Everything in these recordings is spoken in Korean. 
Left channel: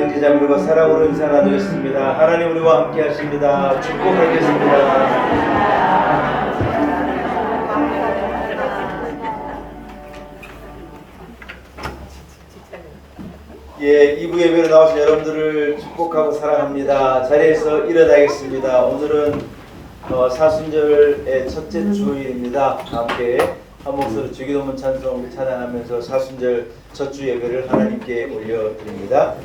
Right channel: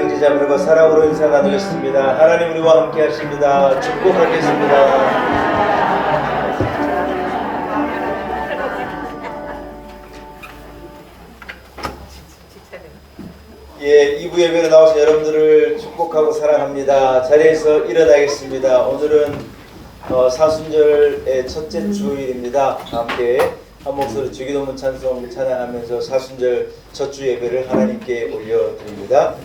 형제자매들과 사랑으로 인사 나누겠습니다. 하나님 우리와 함께 하십니다. 축복하겠습니다. 예, 2부 예배로 나오신 여러분들을 축복하고 사랑합니다. 자리에서 일어나겠습니다. 오늘은 사순절의 첫째 주일입니다. 함께 한 목소리 주기도문 찬송 찬양하면서 사순절 첫 주 예배를 하나님께 올려드립니다.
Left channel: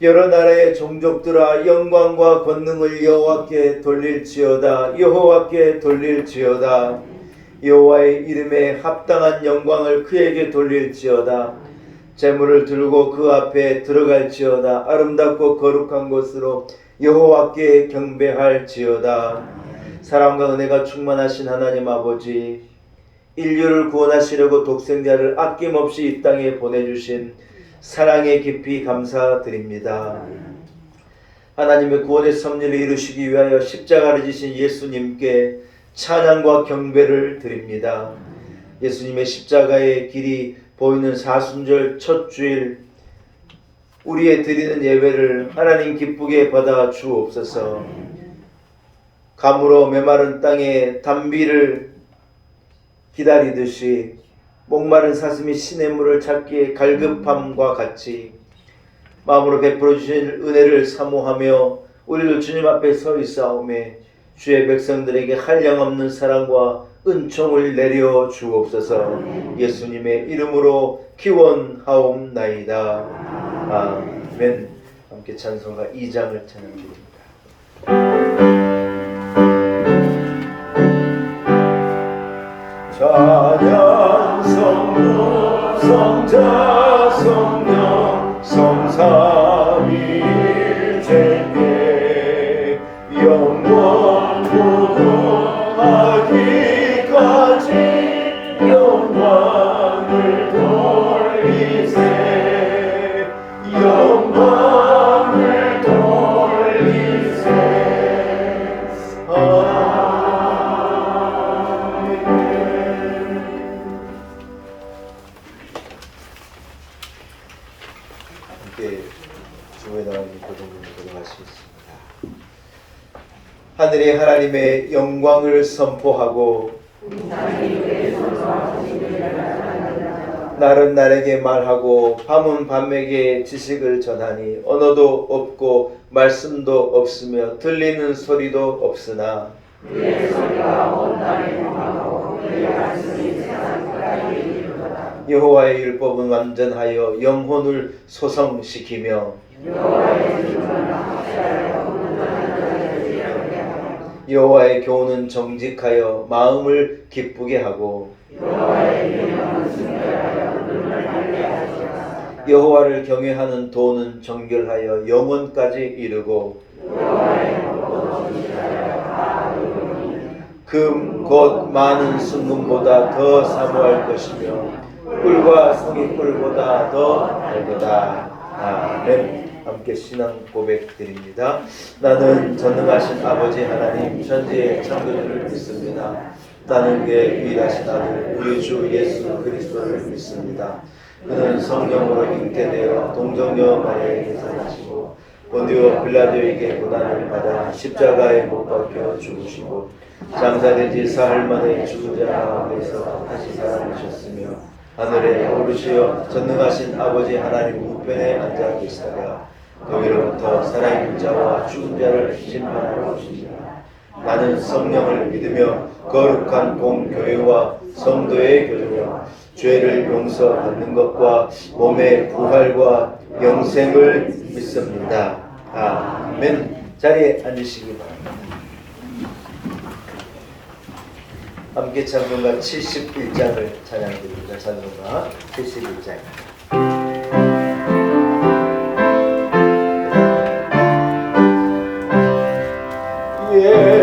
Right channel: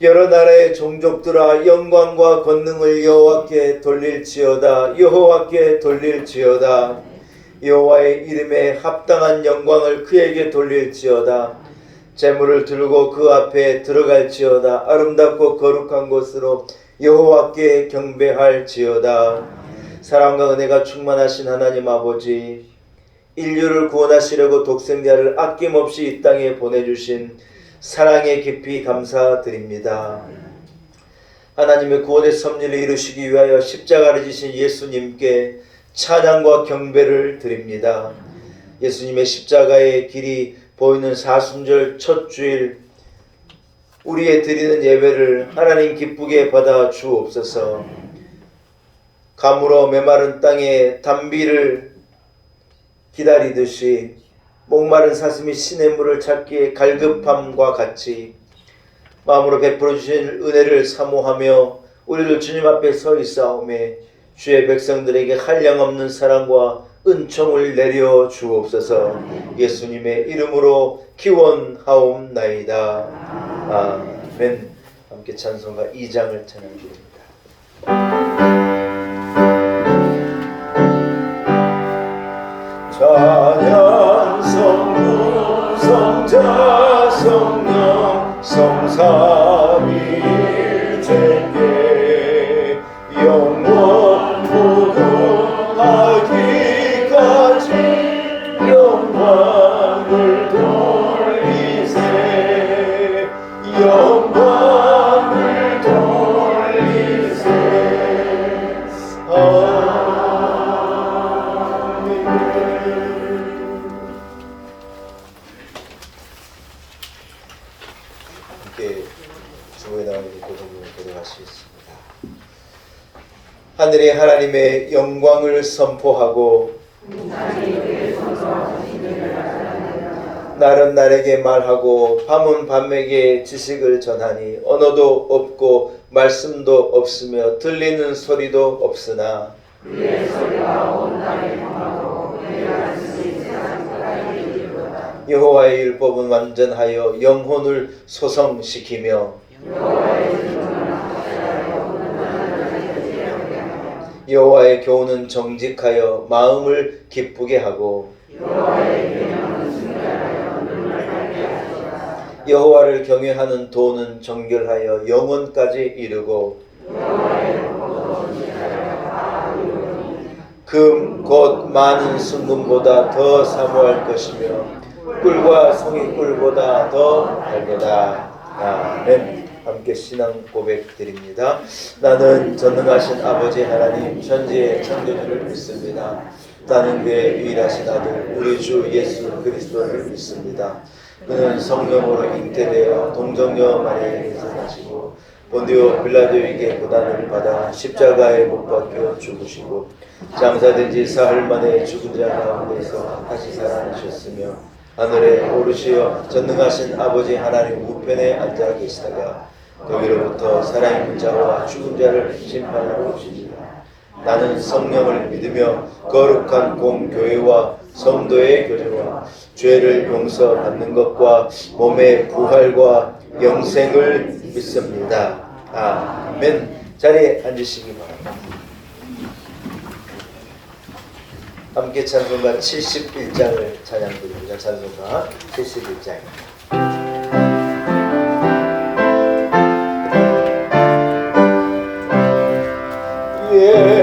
여러 나라의 종족들아 영광과 권능을 여호와께 돌릴지어다. 여호와께 돌릴지어다. 여호와의 이름에 합당한 영광을 그에게 돌릴지어다. 제물을 들고 그 앞에 들어갈지어다. 아름답고 거룩한 곳으로 여호와께 경배할지어다. 사랑과 은혜가 충만하신 하나님 아버지, 인류를 구원하시려고 독생자를 아낌없이 이 땅에 보내주신 사랑에 깊이 감사드립니다. 하나님의 구원의 섭리를 이루시기 위하여 십자가를 지신 예수님께 찬양과 경배를 드립니다. 예수님의 십자가의 길이 보이는 사순절 첫 주일 우리의 드리는 예배를 하나님 기쁘게 받아 주옵소서. 가물어 메마른 땅에 단비를 기다리듯이 목마른 사슴이 시냇물을 찾기에 갈급함과 같이 마음으로 베풀어 주신 은혜를 사모하며 우리도 주님 앞에 서 있사오매 주의 백성들에게 한량없는 사랑과 은총을 내려 주옵소서. 예수님의 이름으로 기원하옵나이다. 아멘. 함께 찬송가 2장을 찬양드립니다. 찬양 성부 성자 성령 성삼위일체께 영원 무궁하기까지 영광을 돌리세 영광을 돌리세. 하늘의 하나님의 영광을 선포하고 날은 날에게 말하고 밤은 밤에게 지식을 전하니 언어도 없고 말씀도 없으며 들리는 소리도 없으나 그의 소리가 온 땅에 경하고 그가 스님 세상 끝까지 이르도다. 여호와의 율법은 완전하여 영혼을 소성시키며 여호와의 기준은 확실하여 온전한 자를 지혜롭게 하며 여호와의 교훈은 정직하여 마음을 기쁘게 하고 여호와의 계명은 순결하여 눈을 밝게 하시라. 여호와를 경외하는 도는 정결하여 영혼까지 이르고 여호와의 법도 지혜하여 다 이루니 금 곧 많은 순금보다 더 사모할 것이며 꿀과 송이 꿀보다 더 달도다. 아멘. 함께 신앙 고백 드립니다. 나는 전능하신 아버지 하나님 천지의 창조주를 믿습니다. 나는 그의 유일하신 아들 우리 주 예수 그리스도를 믿습니다. 그는 성령으로 잉태되어 동정녀 마리아에게서 나시고 본디오 빌라도에게 고난을 받아 십자가에 못 박혀 죽으시고 장사된 지 사흘 만에 죽은 자 가운데서 다시 살아나셨으며 하늘에 오르시어 전능하신 아버지 하나님 우편에 앉아 계시다가 거기로부터 살아있는 자와 죽은 자를 심판하러 오십니다. 나는 성령을 믿으며 거룩한 공교회와 성도의 교제와 죄를 용서받는 것과 몸의 부활과 영생을 믿습니다. 아멘. 자리에 앉으시기 바랍니다. 함께 찬송가 71장을 찬양드립니다. 찬송가 71장.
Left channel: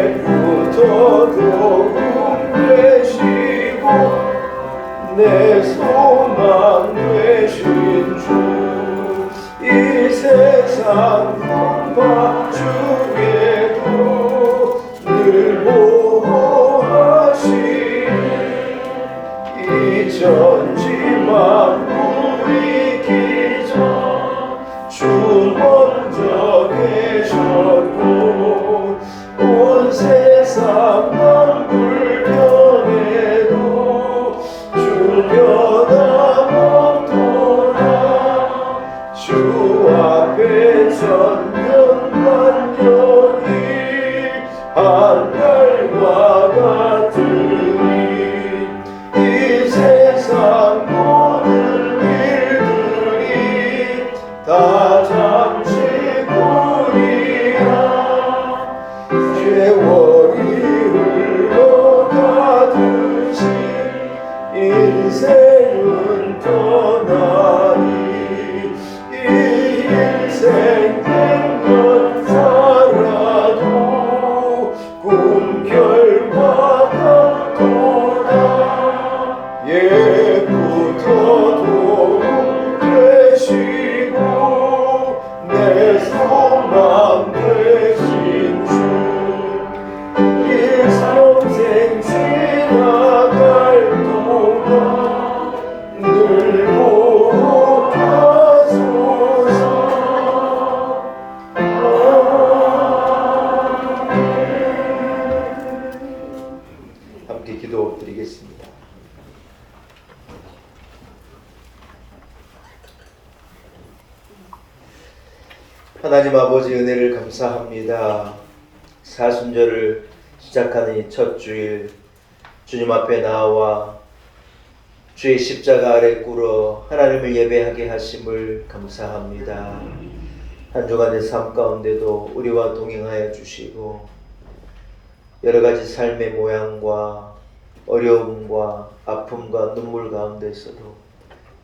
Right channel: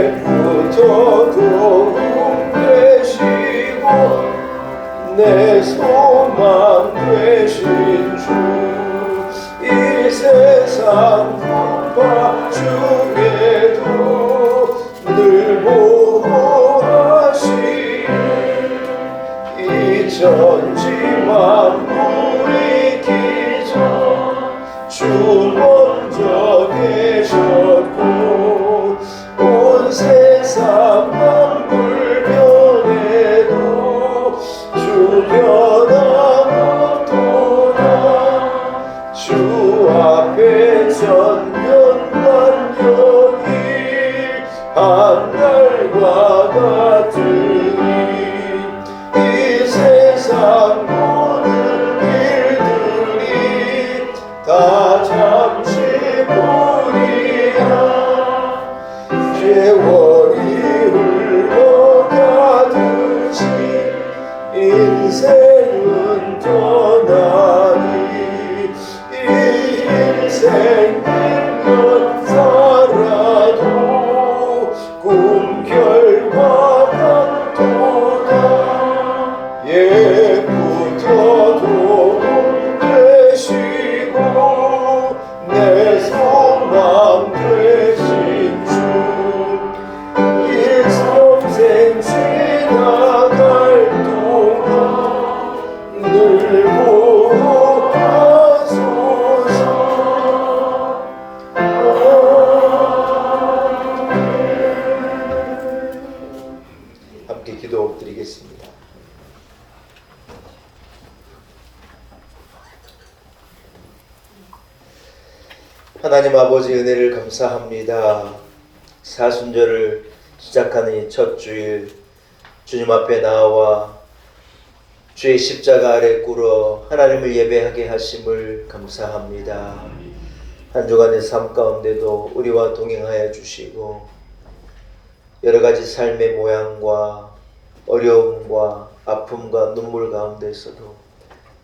예부터 되시고 내 소망 되신 주 이 세상 풍파 중에도 늘 보호하시니 이 천지 만물이 기전 주 먼저 계셨고 온 세상 만물 변해도 주 변함없도다 주 앞에 천년만년이 하늘과 같으니 이 세상 모든 일들이 다 잠시뿐이야 세월이 흘러가듯이 인생은 떠나니 이 인생 100년 살아도 꿈 결과 같도다 예부터도 되시고 내 소망 되신 주 일평생 지나갈 동안 늘 보호하소서. 함께 기도드리겠습니다. 하나님 아버지 은혜를 감사합니다. 사순절을 시작하는 이 첫 주일 주님 앞에 나와 주의 십자가 아래 꿇어 하나님을 예배하게 하심을 감사합니다. 한 주간의 삶 가운데도 우리와 동행하여 주시고 여러 가지 삶의 모양과 어려움과 아픔과 눈물 가운데서도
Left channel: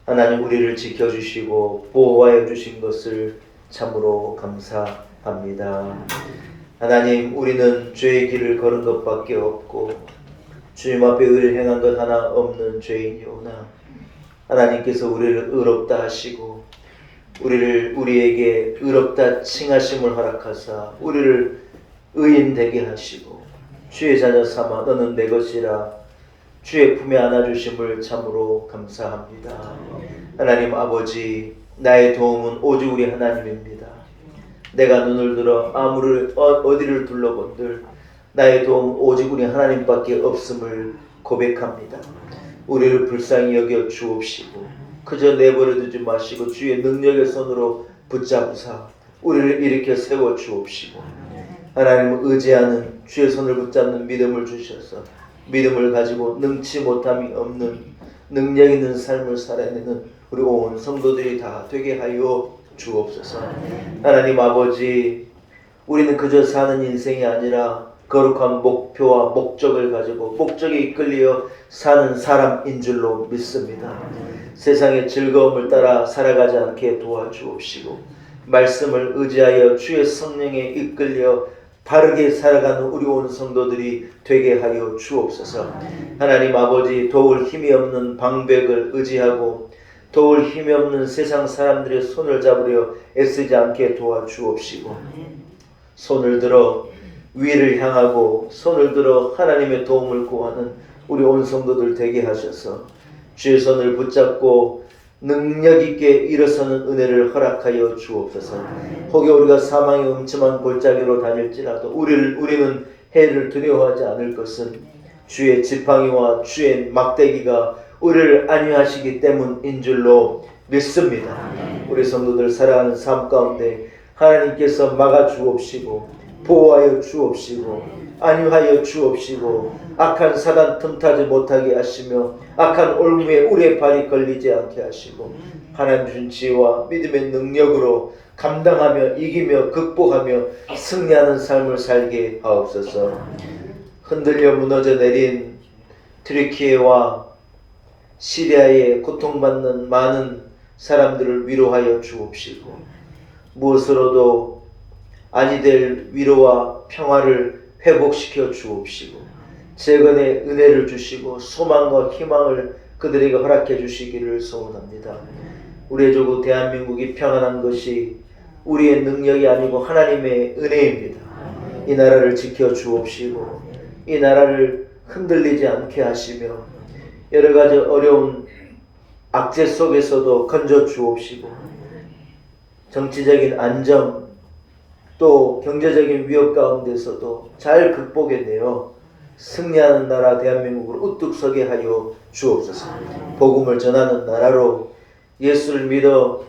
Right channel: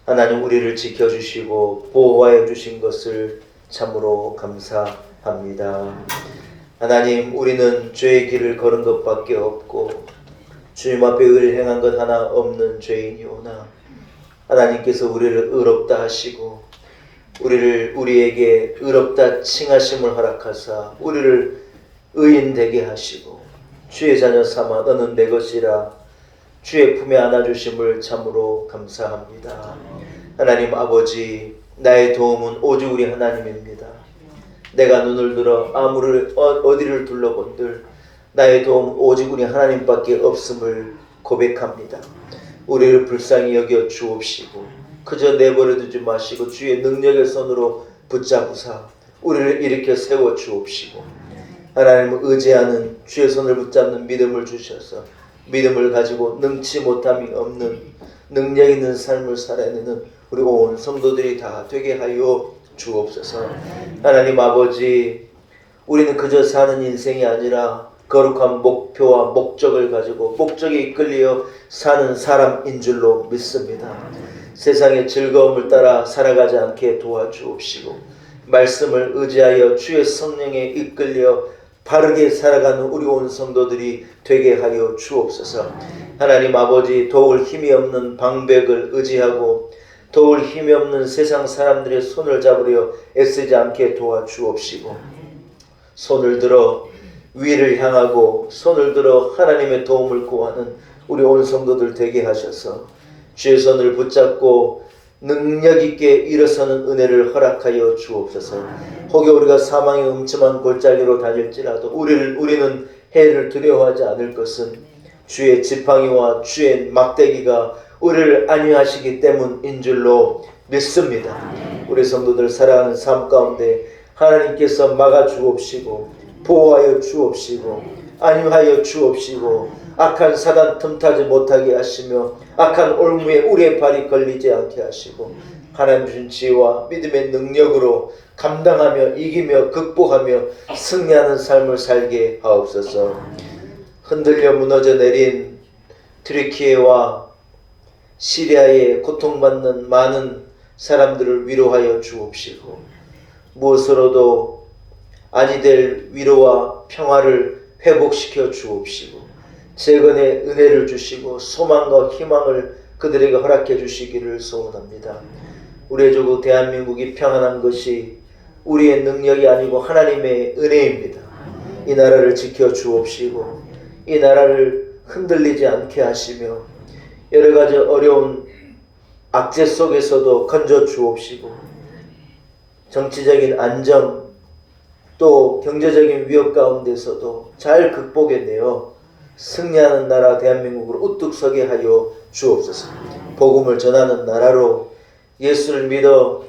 하나님 우리를 지켜주시고 보호하여 주신 것을 참으로 감사합니다. 하나님 우리는 죄의 길을 걸은 것밖에 없고 주님 앞에 의를 행한 것 하나 없는 죄인이오나 하나님께서 우리를 의롭다 하시고 우리를 우리에게 의롭다 칭하심을 허락하사 우리를 의인 되게 하시고 주의 자녀 삼아 너는 내 것이라 주의 품에 안아주심을 참으로 감사합니다. 하나님 아버지 나의 도움은 오직 우리 하나님입니다. 내가 눈을 들어 어디를 둘러본들 나의 도움 오직 우리 하나님밖에 없음을 고백합니다. 우리를 불쌍히 여겨 주옵시고 그저 내버려 두지 마시고 주의 능력의 손으로 붙잡으사 우리를 일으켜 세워 주옵시고 하나님을 의지하는 주의 손을 붙잡는 믿음을 주셔서 믿음을 가지고 능치 못함이 없는 능력 있는 삶을 살아내는 우리 온 성도들이 다 되게 하여 주옵소서. 하나님 아버지 우리는 그저 사는 인생이 아니라 거룩한 목표와 목적을 가지고 목적에 이끌려 사는 사람인 줄로 믿습니다. 세상의 즐거움을 따라 살아가지 않게 도와주옵시고 말씀을 의지하여 주의 성령에 이끌려 바르게 살아가는 우리 온 성도들이 되게 하여 주옵소서. 하나님 아버지 도울 힘이 없는 방백을 의지하고 도울 힘이 없는 세상 사람들의 손을 잡으려 애쓰지 않게 도와주옵시고 손을 들어 위를 향하고 손을 들어 하나님의 도움을 구하는 우리 온 성도들 되게 하셔서 주의 손을 붙잡고 능력 있게 일어서는 은혜를 허락하여 주옵소서. 혹여 우리가 사망의 음침한 골짜기로 다닐지라도 우리는 해를 두려워하지 않을 것은 주의 지팡이와 주의 막대기가 우리를 안위하시기 때문인 줄로 믿습니다. 우리 성도들 살아가는 삶 가운데 하나님께서 막아 주옵시고 보호하여 주옵시고 안위하여 주옵시고 악한 사단 틈타지 못하게 하시며 악한 올무에 우리의 발이 걸리지 않게 하시고 하나님 주신 지혜와 믿음의 능력으로 감당하며 이기며 극복하며 승리하는 삶을 살게 하옵소서. 흔들려 무너져 내린 트리키에와 시리아에 고통받는 많은 사람들을 위로하여 주옵시고 무엇으로도 아니 될 위로와 평화를 회복시켜 주옵시고 재건의 은혜를 주시고 소망과 희망을 그들에게 허락해 주시기를 소원합니다. 우리의 조국 대한민국이 평안한 것이 우리의 능력이 아니고 하나님의 은혜입니다. 이 나라를 지켜 주옵시고 이 나라를 흔들리지 않게 하시며 여러 가지 어려운 악재 속에서도 건져 주옵시고 정치적인 안정 또 경제적인 위협 가운데서도 잘 극복해내어 승리하는 나라 대한민국으로 우뚝 서게 하여 주옵소서. 복음을 전하는 나라로 예수를 믿어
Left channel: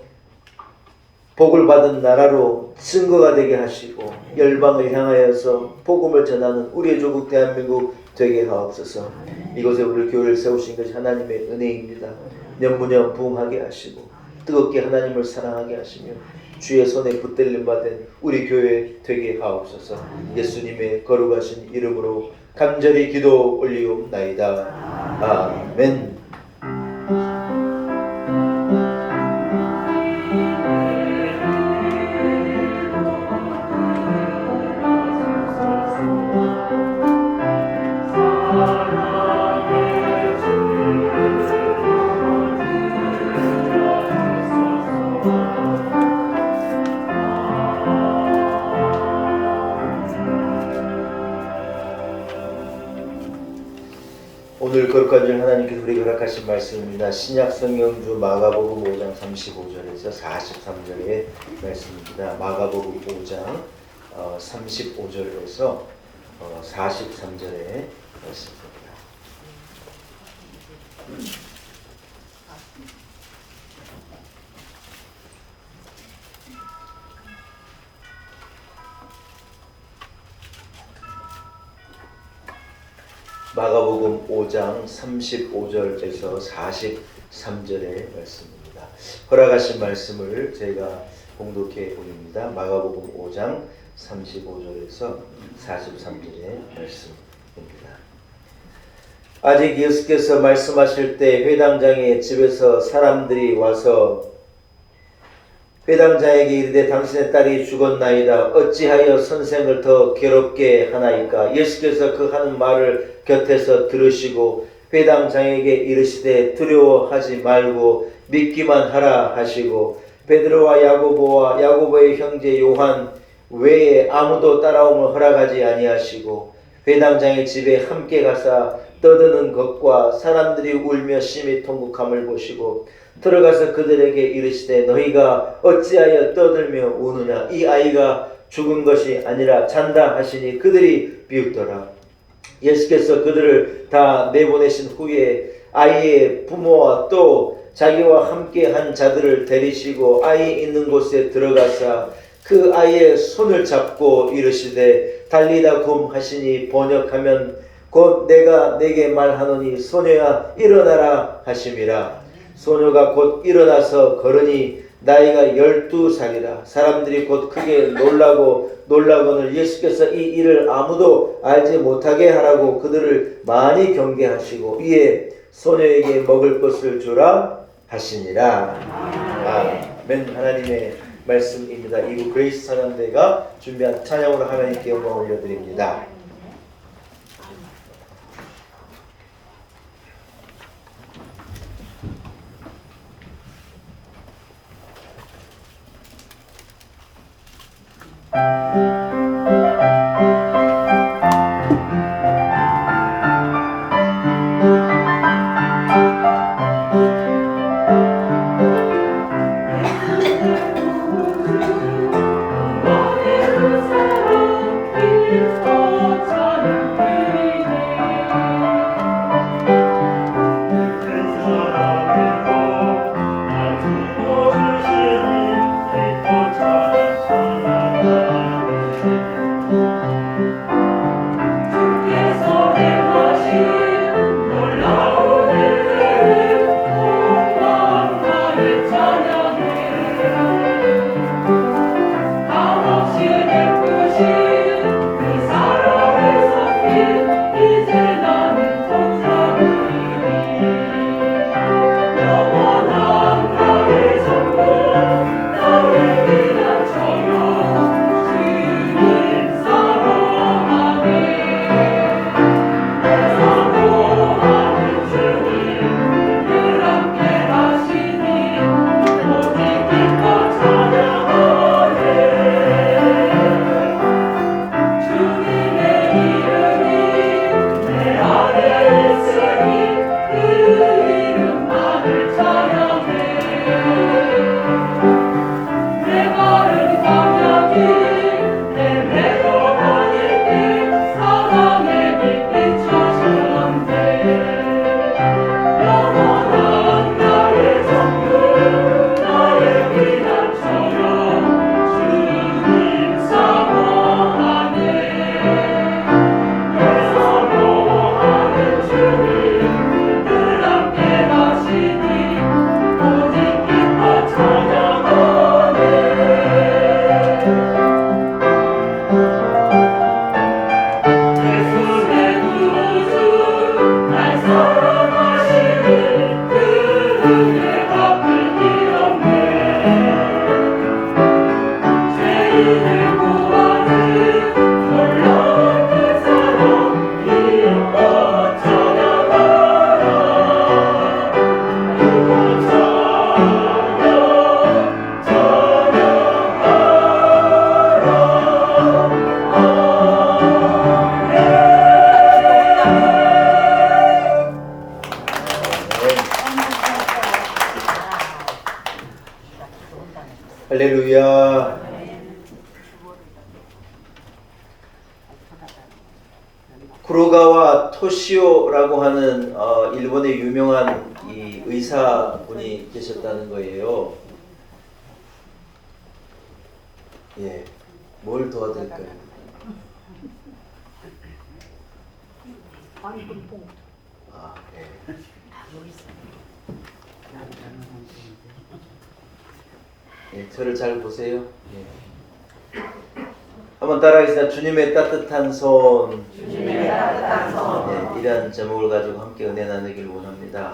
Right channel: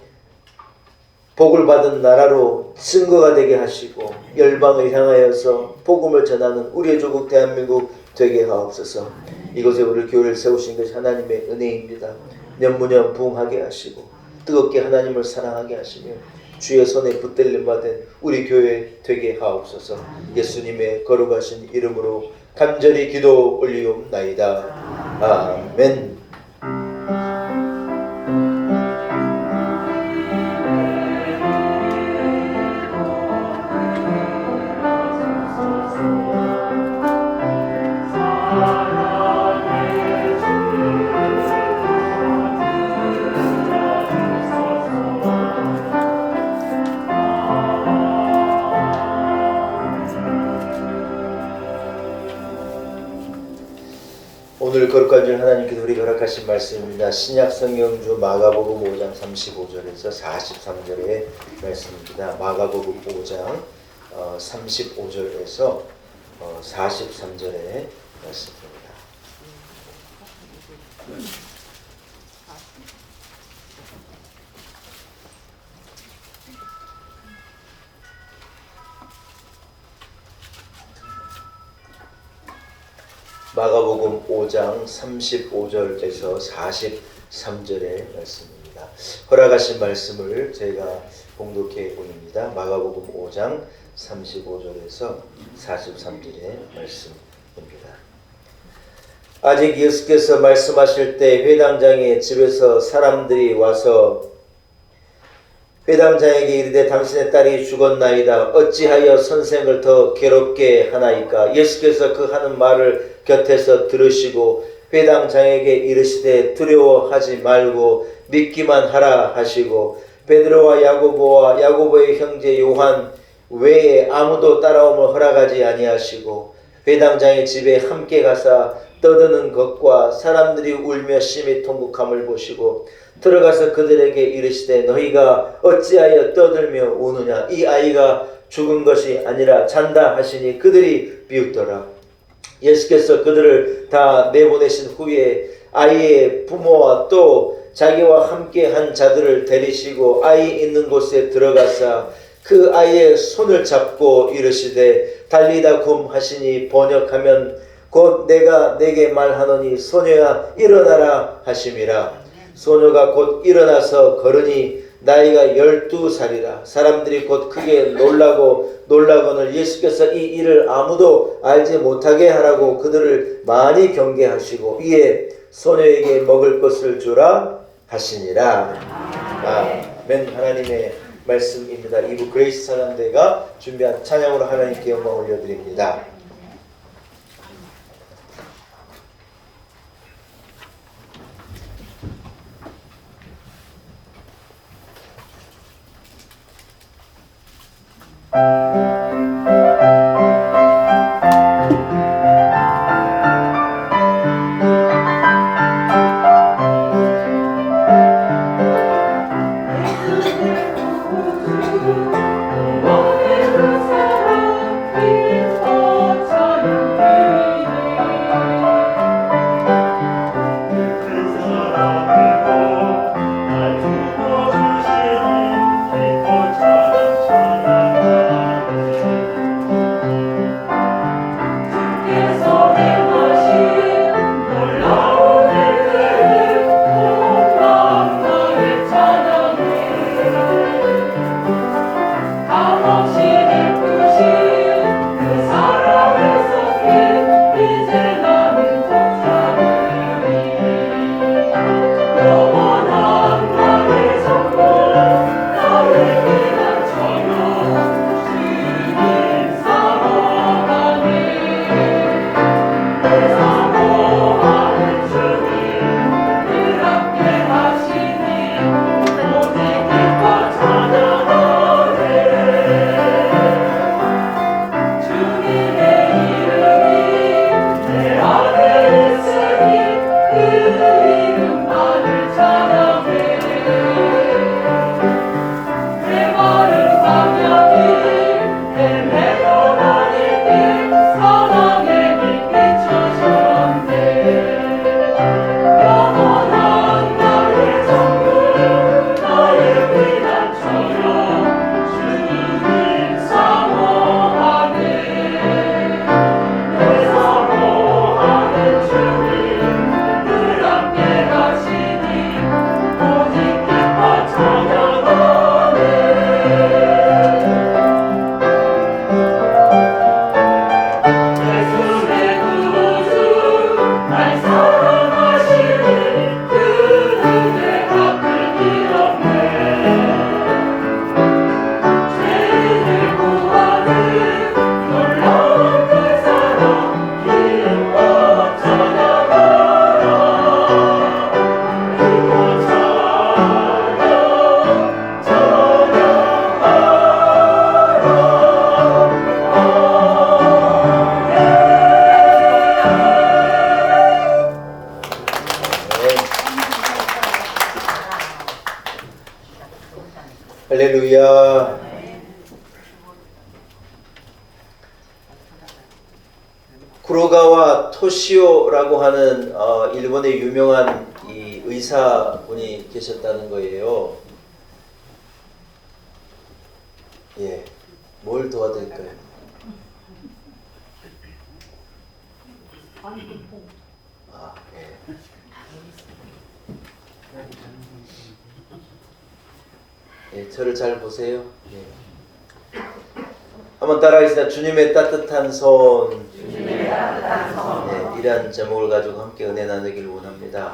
복을 받은 나라로 증거가 되게 하시고 열방을 향하여서 복음을 전하는 우리의 조국 대한민국 되게 하옵소서. 이곳에 우리 교회를 세우신 것이 하나님의 은혜입니다. 년무년 부흥하게 하시고 뜨겁게 하나님을 사랑하게 하시며 주의 손에 붙들림 받은 우리 교회 되게 하옵소서. 예수님의 거룩하신 이름으로 간절히 기도 올리옵나이다. 아멘. 오늘 거룩한 줄 하나님께서 우리에게 허락하신 말씀입니다. 신약 성경주 마가복음 5장 35절에서 43절의 말씀입니다. 마가복음 5장 35절에서 43절의 말씀입니다. 마가복음 5장 35절에서 43절의 말씀입니다. 허락하신 말씀을 저희가 봉독해 올립니다. 마가복음 5장 35절에서 43절의 말씀입니다. 아직 예수께서 말씀하실 때 회당장의 집에서 사람들이 와서 회당장에게 이르되 당신의 딸이 죽었나이다. 어찌하여 선생을 더 괴롭게 하나이까? 예수께서 그 하는 말을 곁에서 들으시고 회당장에게 이르시되 두려워하지 말고 믿기만 하라 하시고 베드로와 야고보와 야고보의 형제 요한 외에 아무도 따라옴을 허락하지 아니하시고 회당장의 집에 함께 가사 떠드는 것과 사람들이 울며 심히 통곡함을 보시고 들어가서 그들에게 이르시되 너희가 어찌하여 떠들며 우느냐? 이 아이가 죽은 것이 아니라 잔다 하시니 그들이 비웃더라. 예수께서 그들을 다 내보내신 후에 아이의 부모와 또 자기와 함께 한 자들을 데리시고 아이 있는 곳에 들어가사 그 아이의 손을 잡고 이르시되 달리다 굼 하시니 번역하면 곧 내가 내게 말하노니 소녀야 일어나라 하심이라. 소녀가 곧 일어나서 걸으니 나이가 12살이라. 사람들이 곧 크게 놀라고는 예수께서 이 일을 아무도 알지 못하게 하라고 그들을 많이 경계하시고 이에 소녀에게 먹을 것을 주라 하시니라. 아멘. 하나님의 말씀입니다. 이부 그레이스 찬양대가 준비한 찬양으로 하나님께 영광 올려드립니다. 할렐루야. 구로가와 토시오라고 하는 일본의 유명한 이 의사분이 계셨다는 거예요. 예, 뭘 도와드릴까요? 아, 예. 예, 저를 잘 보세요. 예. 한번 따라하겠습니다. 주님의 따뜻한 손. 주님의 따뜻한 손. 네, 이런 제목을 가지고 함께 은혜 나누기를 원합니다.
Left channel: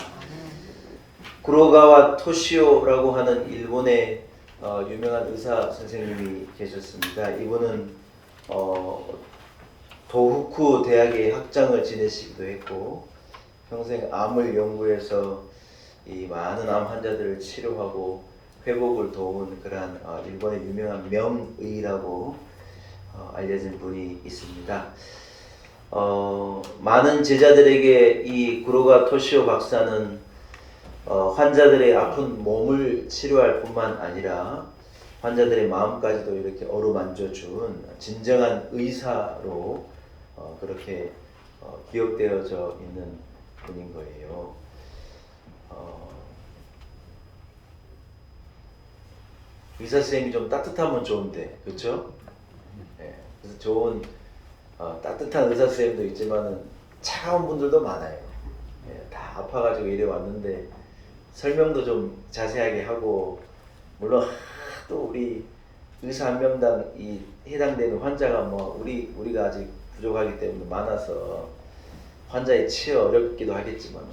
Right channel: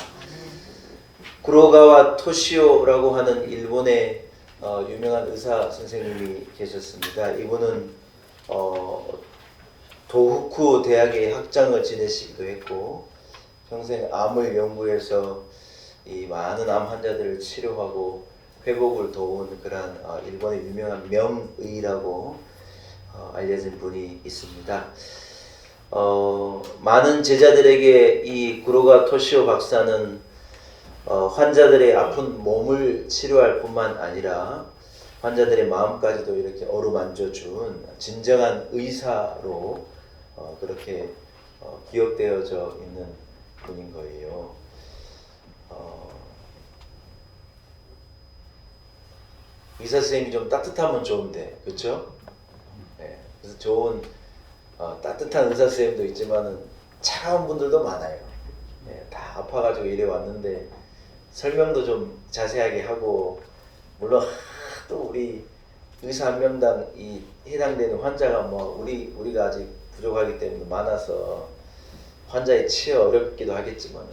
구로가와 토시오라고 하는 일본의 유명한 의사 선생님이 계셨습니다. 이분은 도후쿠 대학의 학장을 지내시기도 했고 평생 암을 연구해서 이 많은 암 환자들을 치료하고 회복을 도운 그러한 일본의 유명한 명의라고 알려진 분이 있습니다. 많은 제자들에게 이 구로가 토시오 박사는 환자들의 아픈 몸을 치료할 뿐만 아니라 환자들의 마음까지도 이렇게 어루만져준 진정한 의사로 그렇게 기억되어져 있는 분인 거예요. 의사 선생님이 좀 따뜻하면 좋은데, 그렇죠? 네, 그래서 좋은 따뜻한 의사 선생님도 있지만은 차가운 분들도 많아요. 네, 다 아파가지고 이래 왔는데 설명도 좀 자세하게 하고 물론 또 우리 의사 한 명당 이 해당되는 환자가 뭐 우리가 아직 부족하기 때문에 많아서 환자에 치여 어렵기도 하겠지만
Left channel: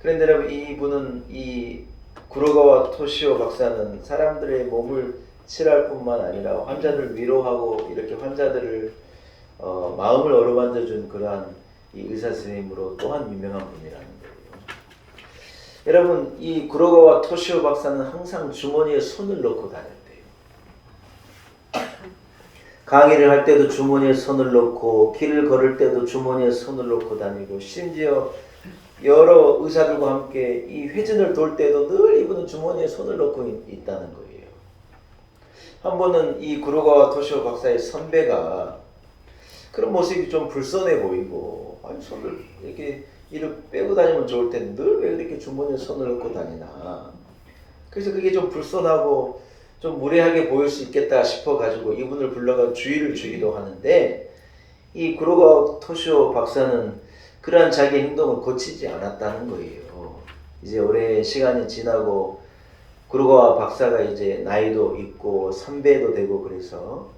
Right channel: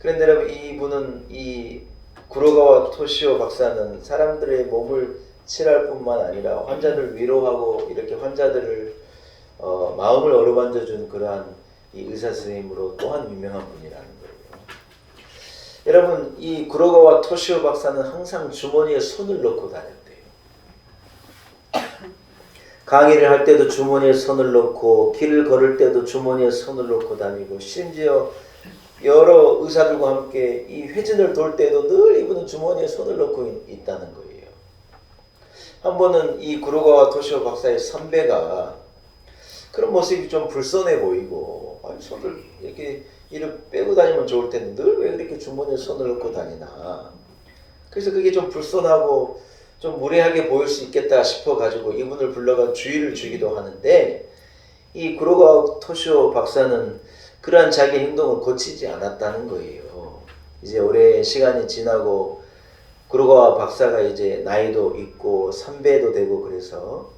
그런데 여러분 이분은 이 구로가와 토시오 박사는 사람들의 몸을 치료할 뿐만 아니라 환자들을 위로하고 이렇게 환자들을 마음을 어루만져준 그러한 이 의사 선생님으로 또한 유명한 분이라는 거예요. 여러분 이 구로가와 토시오 박사는 항상 주머니에 손을 넣고 다녔대요. 강의를 할 때도 주머니에 손을 넣고 길을 걸을 때도 주머니에 손을 넣고 다니고 심지어 여러 의사들과 함께 이 회진을 돌 때도 늘 이분은 주머니에 손을 넣고 있다는 거예요. 한 번은 이 구로가와 토시오 박사의 선배가 그런 모습이 좀 불손해 보이고 아니 손을 이렇게 빼고 다니면 좋을 텐데 늘 왜 그렇게 주머니에 손을 넣고 다니나. 그래서 그게 좀 불손하고 좀 무례하게 보일 수 있겠다 싶어 가지고 이분을 불러가 주의를 주기도 하는데 이 구로가와 토시오 박사는 그러한 자기 행동을 고치지 않았다는 거예요. 이제 오래 시간이 지나고 구로가와 박사가 이제 나이도 있고 선배도 되고 그래서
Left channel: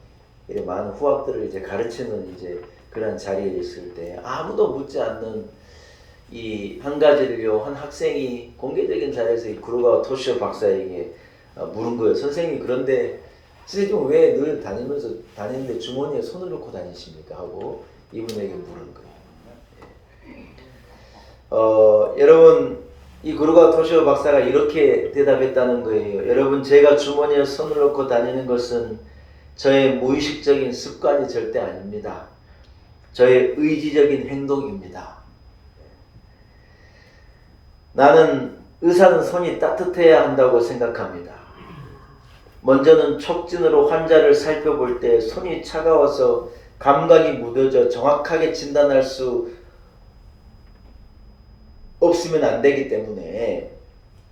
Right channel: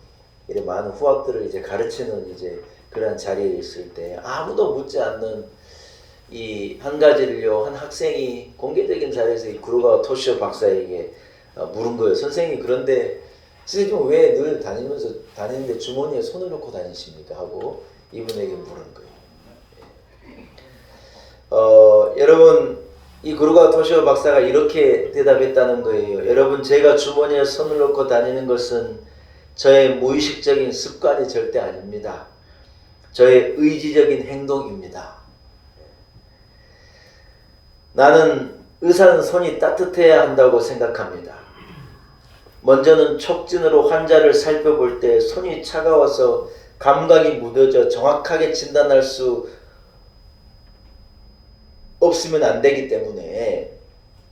이렇게 많은 후학들을 이제 가르치는 이제 그런 자리에 있을 때 아무도 묻지 않는 이 한 가지를요 한 학생이 공개적인 자리에서 이 구로가와 토시오 박사에게 물은 거예요. 선생님 그런데 선생님 왜 늘 다니는데 주머니에 손을 넣고 다니십니까? 하고 이분에게 물은 거예요. 여러분 이 구로가와 토시오 박사가 이렇게 대답했다는 거예요. 여러분 제가 주머니에 손을 넣고 다니는 것은 저의 무의식적인 습관이 절대 아닙니다. 저의 의지적인 행동입니다. 나는 의사는 손이 따뜻해야 한다고 생각합니다. 먼저는 촉진으로 환자를 살펴볼 때 손이 차가워서 감각이 무뎌져 정확하게 진단할 수 없으면 안 되기 때문에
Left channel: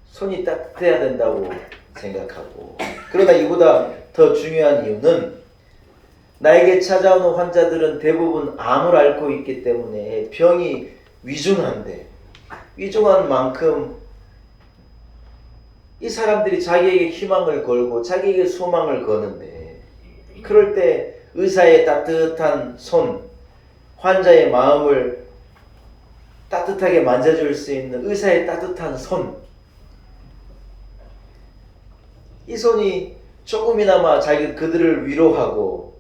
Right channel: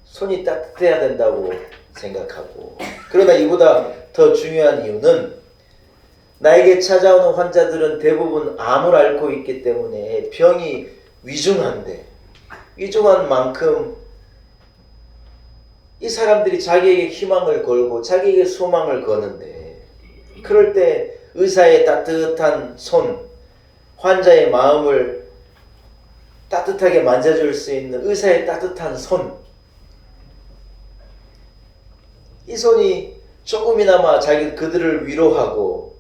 손이 따뜻해야 된다고 생각하고 그러나 이보다 더 중요한 이유는 나에게 찾아오는 환자들은 대부분 암을 앓고 있기 때문에 병이 위중한 만큼 이 사람들이 자기에게 희망을 걸고 자기에게 소망을 거는데 그럴 때 의사의 따뜻한 손, 환자의 마음을 따뜻하게 만져줄 수 있는 의사의 따뜻한 손, 이 손이 조금이나마 그들을 위로하고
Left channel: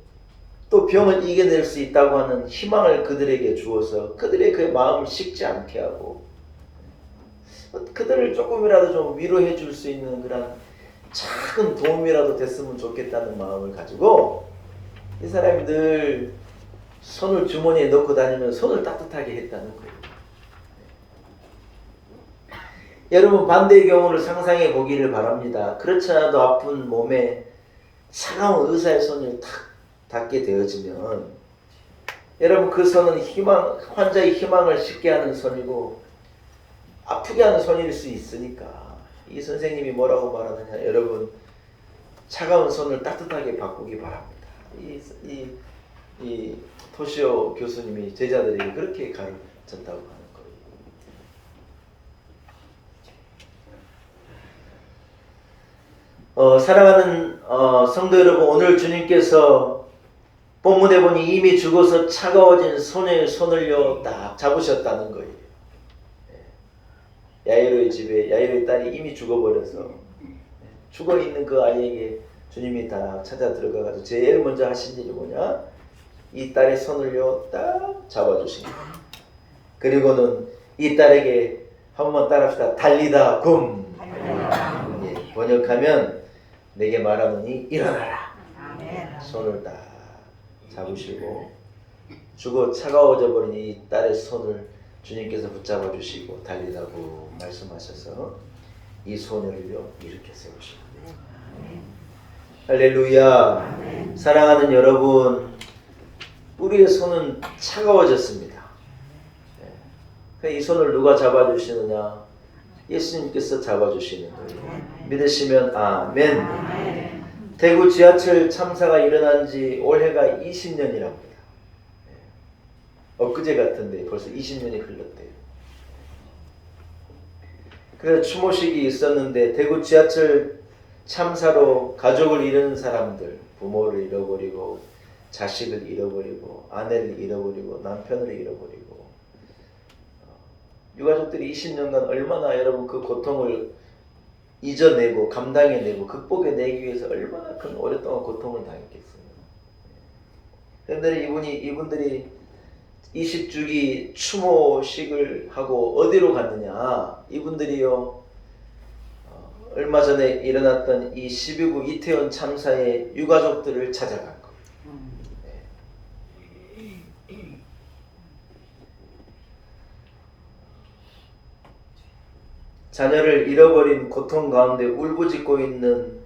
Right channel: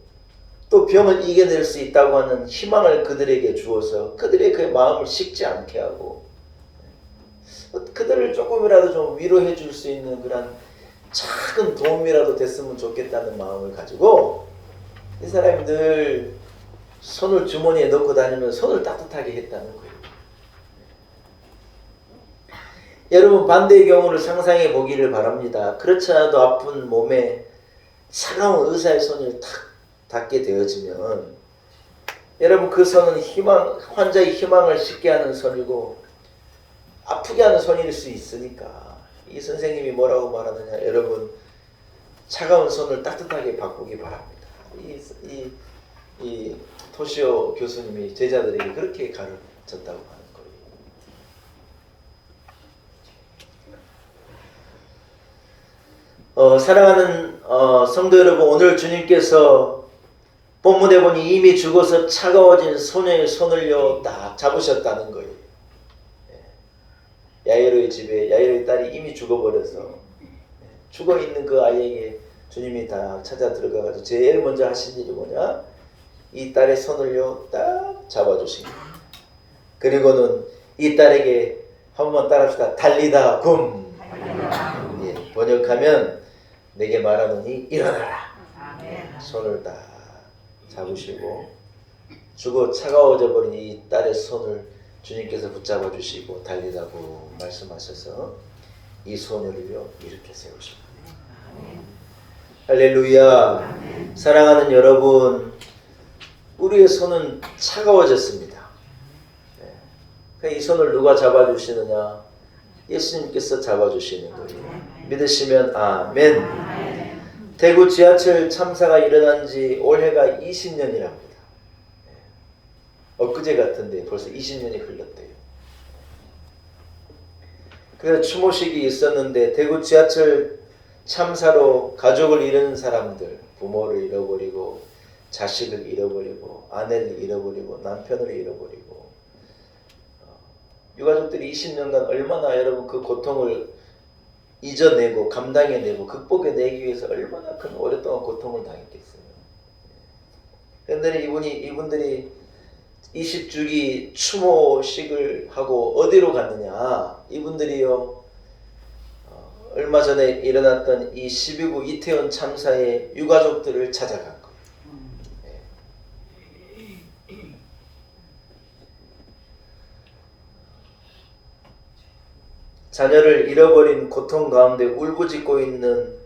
또 병을 이겨낼 수 있다고 하는 희망을 그들에게 주어서 그들의 그 마음을 식지 않게 하고 그들을 조금이라도 좀 위로해 줄 수 있는 그런 작은 도움이라도 됐으면 좋겠다는 마음을 가지고 이 사람이 늘 손을 주머니에 넣고 다니면 손을 따뜻하게 했다는 거예요. 여러분 반대의 경우를 상상해 보기를 바랍니다. 그렇지 않아도 아픈 몸에 차가운 의사의 손을 탁 닿게 되어지면 여러분 그 손은 환자의 희망을 싣게 하는 손이고 아프게 하는 손일 수 있으니까 이 선생님이 뭐라고 말하느냐, 여러분 차가운 손을 따뜻하게 바꾸기 바랍니다. 이 토시오 교수님이 제자들에게 그렇게 가르쳤다고 하는 거예요. 사랑하는 성도 여러분, 오늘 주님께서 본문에 보니 이미 죽어서 차가워진 소녀의 손을요 딱 잡으셨다는 거예요. 야이로의 집에 야이로의 딸이 이미 죽어버려서 죽어있는 그 아이에게 주님이 다 찾아 들어가가지고 제일 먼저 하신 일이 뭐냐, 이 딸의 손을요 딱 잡아주신 거예요. 그리고는 이 딸에게 한번 따라합시다. 달리다 굼. 예, 번역하면 내게 말하노니 일어나라. 손을 딱 잡으시고 죽어 차가워져 버린 이 딸의 손을 주님께서 붙잡아 주시고 달리라고 말씀하셔서 이 소녀를요 이렇게 세우시고. 할렐루야. 사랑하는 여러분, 우리의 손은 차가워졌습니다. 이 손을 누가 잡아주시느냐? 예수님께서 잡아주시는 거예요. 믿으시면 아멘. 대구 지하철 참사가 일어난 지 올해가 20년이랍니다. 엊그제 같은데 벌써 20년이 흘렀대요. 그래서 추모식이 있었는데 대구 지하철 참사로 가족을 잃은 사람들, 부모를 잃어버리고 자식을 잃어버리고 아내를 잃어버리고 남편을 잃어버리고 유가족들이 20년간 얼마나 여러분 그 고통을 잊어내고 감당해내고 극복해내기 위해서 얼마나 큰 오랫동안 고통을 당했겠어요. 그런데 이분들이 20주기 추모식을 하고 어디로 갔느냐, 이분들이요 얼마 전에 일어났던 이 12구 이태원 참사의 유가족들을 찾아간 거예요. 자녀를 잃어버린 고통 가운데 울부짖고 있는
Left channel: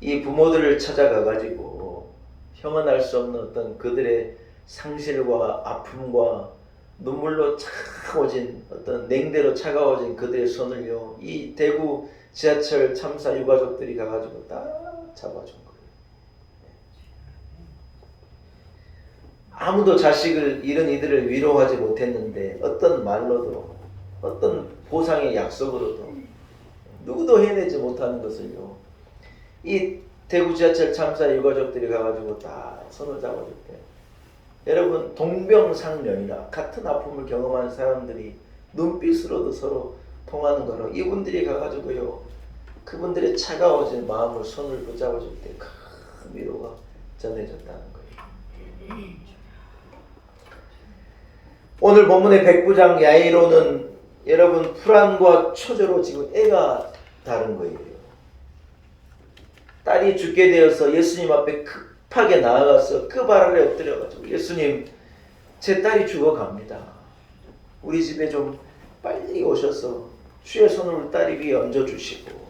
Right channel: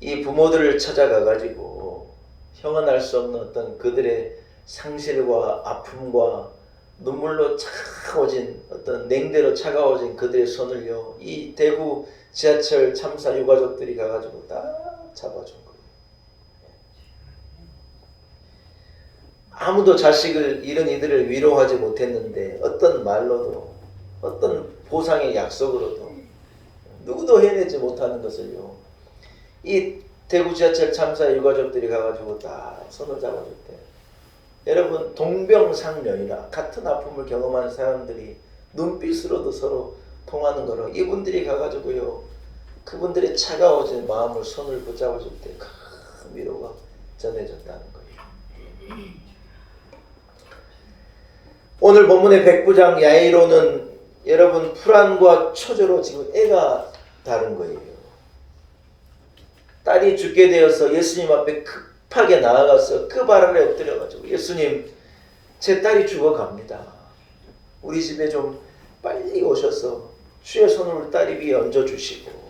이 부모들을 찾아가가지고 형언할 수 없는 어떤 그들의 상실과 아픔과 눈물로 차가워진 어떤 냉대로 차가워진 그들의 손을요 이 대구 지하철 참사 유가족들이 가가지고 딱 잡아준 거예요. 아무도 자식을 잃은 이들을 위로하지 못했는데 어떤 말로도 어떤 보상의 약속으로도 누구도 해내지 못하는 것을요 이 대구 지하철 참사 유가족들이 가가지고 딱 손을 잡아줄 때 여러분 동병상련이라 같은 아픔을 경험하는 사람들이 눈빛으로도 서로 통하는 거로 이분들이 가가지고요 그분들의 차가워진 마음을 손을 붙잡아줄 때 큰 위로가 전해졌다는 거예요. 오늘 본문의 백부장 야이로는 여러분 불안과 초조로 지금 애가 다른 거예요. 딸이 죽게 되어서 예수님 앞에 급하게 나아가서 그 발 아래 엎드려가지고 예수님 제 딸이 죽어갑니다. 우리 집에 좀 빨리 오셔서 주의 손을 우리 딸이 위에 얹어주시고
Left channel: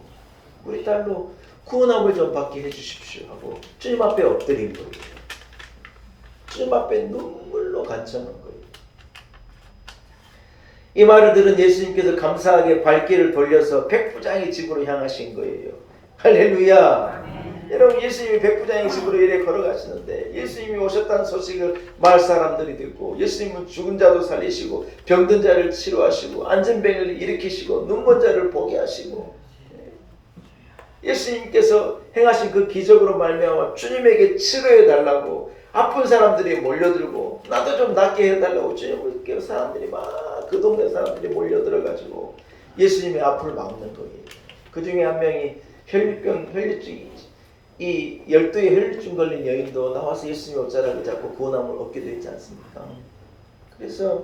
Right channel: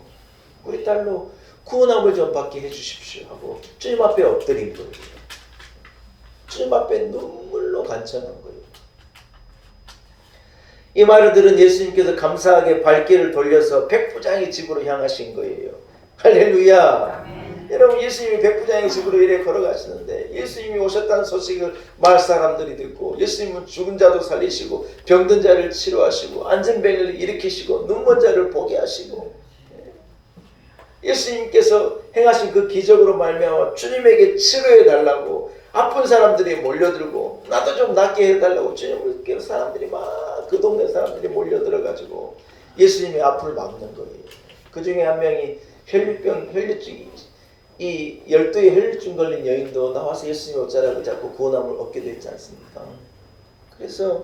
우리 딸로 구원함을 좀 받게 해주십시오 하고 주님 앞에 엎드린 거예요. 주님 앞에 눈물로 간청한 거예요. 이 말을 들은 예수님께서 감사하게 발길을 돌려서 백부장의 집으로 향하신 거예요. 할렐루야. 아멘. 여러분 예수님이 백부장의 집으로 이래 걸어가시는데 예수님이 오셨다는 소식을 마을 사람들이 듣고 예수님은 죽은 자도 살리시고 병든 자를 치료하시고 안전병을 일으키시고 눈먼 자를 보게 하시고 예수님께서 행하신 그 기적으로 말미암아 주님에게 치료해 달라고 아픈 사람들이 몰려들고 나도 좀 낫게 해달라고 주님께 사람들이 막 그 동네 사람들이 몰려들어가지고 예수님의 앞을 막는 거예요. 그 중에 한 명이 혈류증 이 12의 혈류증 걸린 여인도 나와서 예수님의 옷자락을 잡고 구원함을 얻게 되지 않습니까? 그래서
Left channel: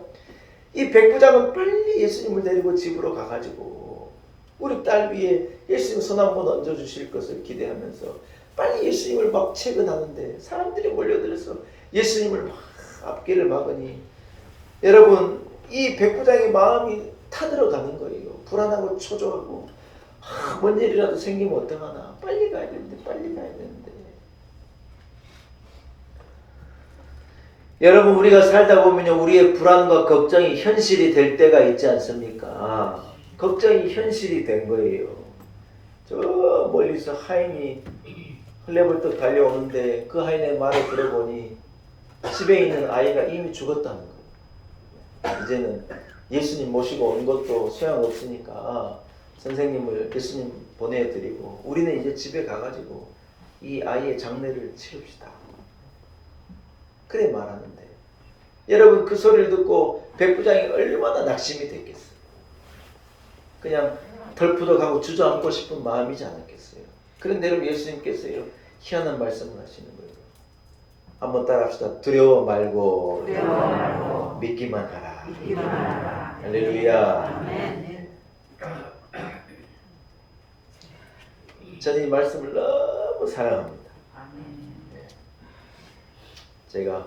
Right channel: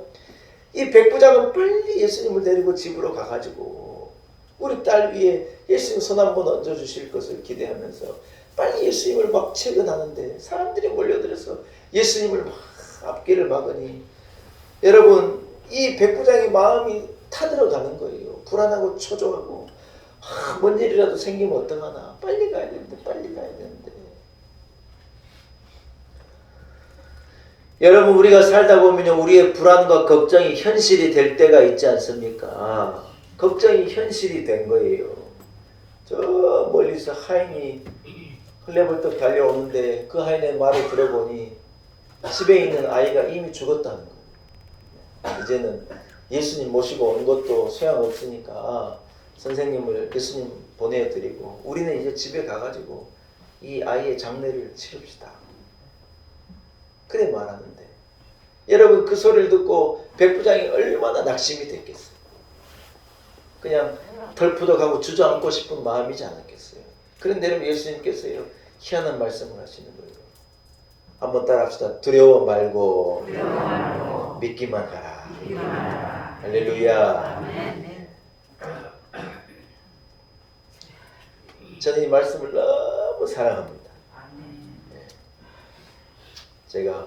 이 백부장은 빨리 예수님을 데리고 집으로 가가지고 우리 딸 위에 예수님 손 한번 얹어주실 것을 기대하면서 빨리 예수님을 막 채근하는데 사람들이 몰려들어서 예수님을 막 앞길을 막으니 여러분 이 백부장의 마음이 타들어가는 거예요. 불안하고 초조하고 뭔 일이라도 생기면 어떡하나. 빨리 가야 되는데 빨리 가야 되는데. 여러분 우리가 살다 보면요 우리의 불안과 걱정이 현실이 될 때가 있지 않습니까? 걱정이 현실이 된 거예요. 저 멀리서 하인이 헐레벌떡 달려오는데 그 하인의 말을 들어보니 집에 있는 아이가 이미 죽었다는 거예요. 이제는 예수님 모시고 온 것도 소용없으니까 선생님을 예수님 보내드리고 우리는 이제 집에 가가지고 이 아이의 장례를 치릅시다. 그래 말하는데 여러분 그 소리를 듣고 백부장이 얼마나 낙심이 됐겠어요. 그냥 덜푸덕하고 주저앉고 싶은 마음이지 않았겠어요. 그런데 여러분 예수님께서요 희한한 말씀을 하시는 거예요. 한번 따라합시다. 두려워 말고 믿기만 하라. 할렐루야. 저는 이 말씀을 너무 사랑합니다. 제가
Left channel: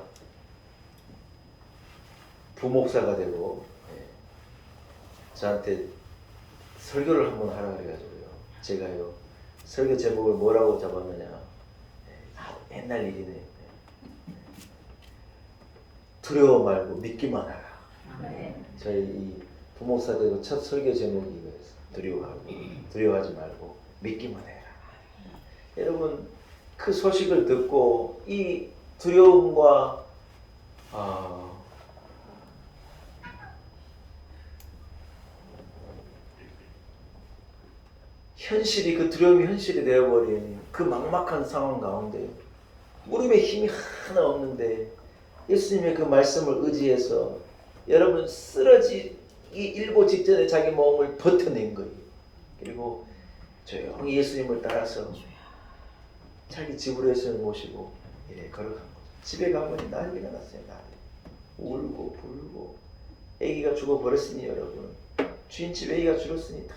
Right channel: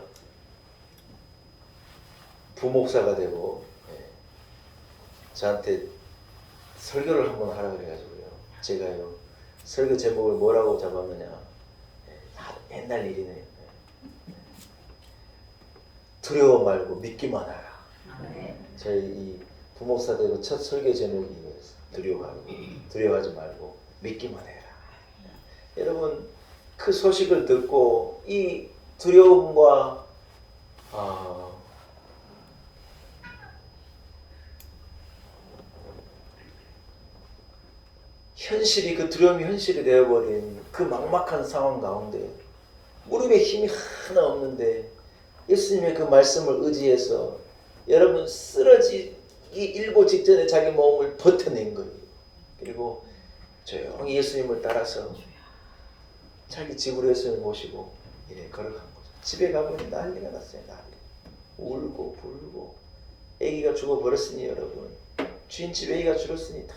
부목사가 되고 저한테 설교를 한번 하라 그래가지고요. 제가요 설교 제목을 뭐라고 잡았느냐. 옛날 일이네. 두려워 말고 믿기만 하라. 저희 이 부목사 되고 첫 설교 제목이 이거였어요. 두려워하지 말고 믿기만 해라. 여러분 그 소식을 듣고 이 두려움과 현실이 그 두려움이 현실이 되어버린 그 막막한 상황 가운데 무릎에 힘이 하나 없는데 예수님의 그 말씀을 의지해서 여러분 쓰러지기 일보 직전에 자기 몸을 버텨낸 거예요. 그리고 조용히 예수님을 따라서 자기 집으로 예수님을 모시고 이래 걸어간 거죠. 집에 가보니 난리가 났어요. 울고 불고 아기가 죽어버렸으니 여러분 주인집 아기가 죽었으니 다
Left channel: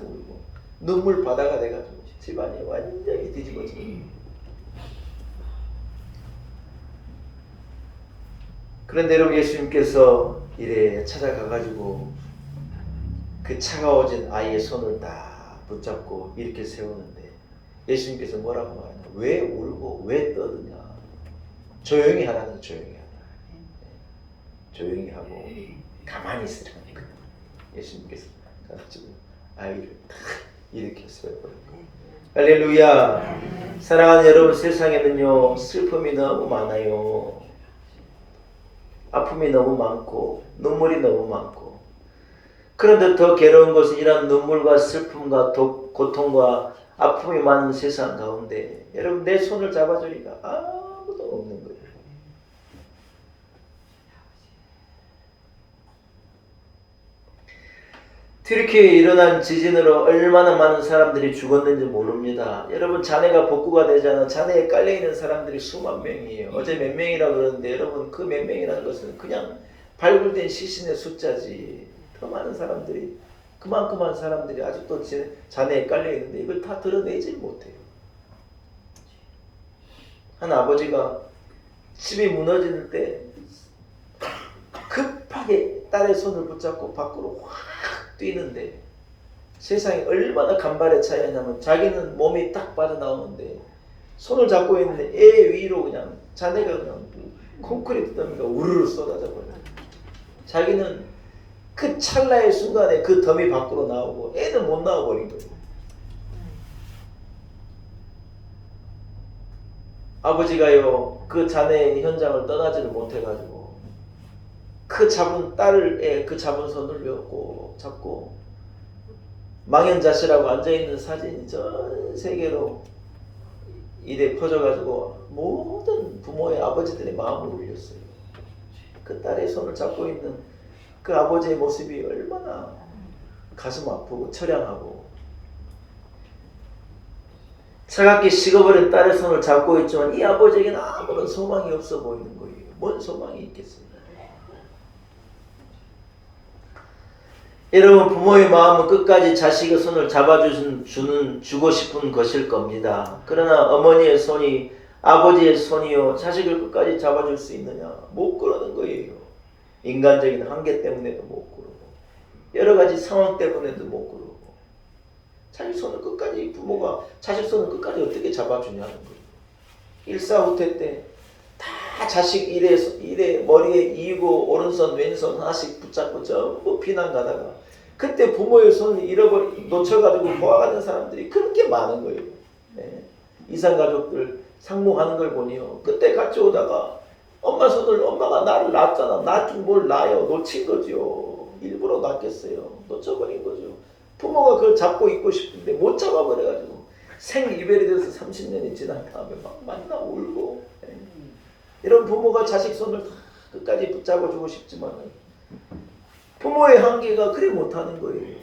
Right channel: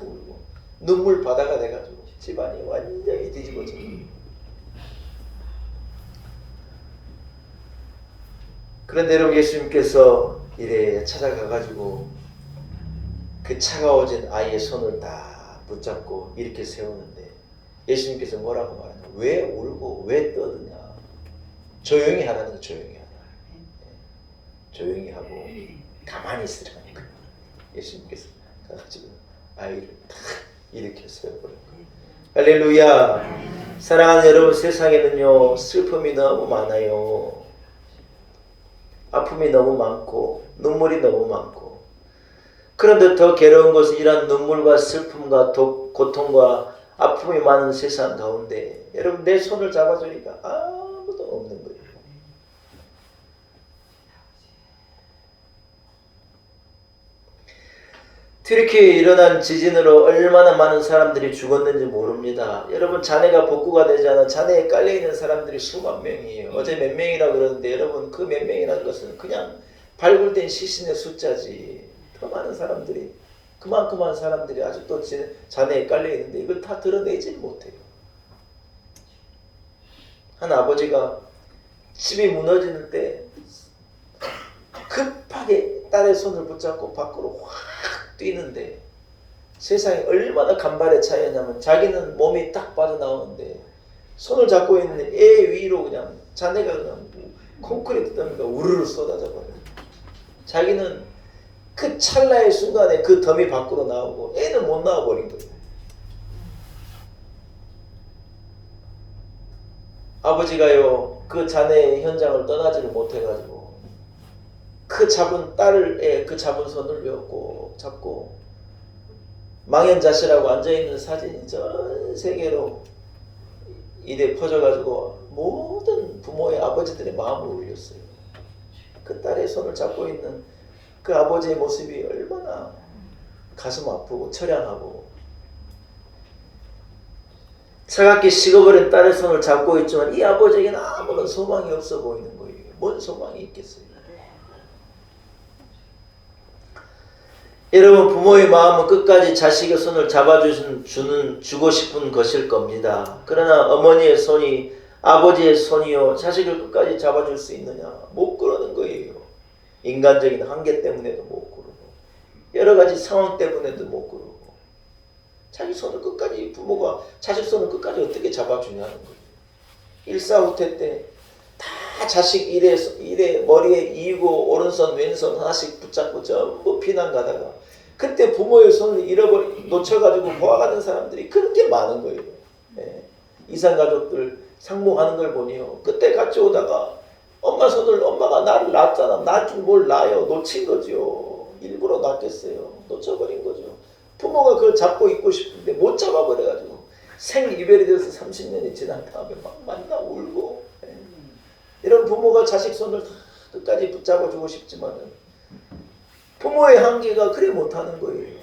울고 눈물 바다가 돼가지고 집안이 완전히 뒤집어져요. 그런데 여러분 예수님께서 이래 찾아가가지고 그 차가워진 아이의 손을 딱 붙잡고 이렇게 세우는데 예수님께서 뭐라고 말하냐. 왜 울고 왜 떠드냐. 조용히 하라는 거. 조용히 하라. 조용히 하고 가만히 있으라는 거예요. 예수님께서 가가지고 아이를 탁 일으켜 세워버린 거예요. 할렐루야. 사랑하는 여러분 세상에는요 슬픔이 너무 많아요. 아픔이 너무 많고 눈물이 너무 많고 그런데 더 괴로운 것은 이런 눈물과 슬픔과 고통과 아픔이 많은 세상 가운데 여러분 내 손을 잡아주니까 아무도 없는 거예요. 튀르키예에 일어난 지진으로 얼마나 많은 사람들이 죽었는지 모릅니다. 여러분 자네가 복구가 되지 않은 자네에 깔려있는 사람들이 수만 명이에요. 어제 몇 명이라고 그러는데 여러분 그 몇 명이라는 것은 그냥 발굴된 시신의 숫자지. 더 많은 사람들이 그만큼만 사람들이 아직도 자네에 깔려있는데 이걸 다 드러내지 못해요. 한 아버지가 집이 무너질 때 급하게 딸의 손을 붙잡고 밖으로 확 뛰는데 세상에 얼마나 간발의 차이냐면 자기는 몸이 딱 빠져나오는데 손을 잡고 있는 애 위로 그냥 자네가 그냥 콘크리트 더미가 우르르 쏟아져 버려요. 자기는 그 찰나의 순간에 그 더미 밖으로 나오고 애는 못 나와버린 거예요. 아버지가요 그 자네의 현장을 떠나지를 못해가지고 그 잡은 딸의 그 잡은 손을 꼭 잡고 망연자실하고 앉아있는 사진이 전 세계로 이래 퍼져가지고 모든 부모의 아버지들의 마음을 울렸어요. 그 딸의 손을 잡고 있는 그 아버지의 모습이 얼마나 가슴 아프고 처량하고 차갑게 식어버린 딸의 손을 잡고 있지만 이 아버지에게는 아무런 소망이 없어 보이는 거예요. 뭔 소망이 있겠어요? 여러분 부모의 마음은 끝까지 자식의 손을 주고 싶은 것일 겁니다. 그러나 어머니의 손이 아버지의 손이요 자식을 끝까지 잡아줄 수 있느냐? 못 그러는 거예요. 인간적인 한계 때문에도 못 그러고 여러 가지 상황 때문에도 못 그러고 자기 손을 끝까지 부모가 자식 손을 끝까지 어떻게 잡아주냐는 거예요. 일사후퇴 때 다 자식 일에 머리에 이고 오른손 왼손 하나씩 붙잡고 전부 피난 가다가 그때 부모의 손을 놓쳐가지고 보아가는 사람들이 그렇게 많은 거예요. 예. 이산 가족들 상봉하는 걸 보니요. 그때 같이 오다가 엄마가 나를 낳았잖아. 낳을 줄 뭘 낳아요. 놓친 거죠. 일부러 낳겠어요. 놓쳐버린 거죠. 부모가 그걸 잡고 있고 싶은데 못 잡아버려가지고 생이별이 돼서 30년이 지난 다음에 막 만나 울고. 예. 이런 부모가 자식 손을 다 끝까지 붙잡아주고 싶지만 부모의 한계가 그래 못하는 거예요.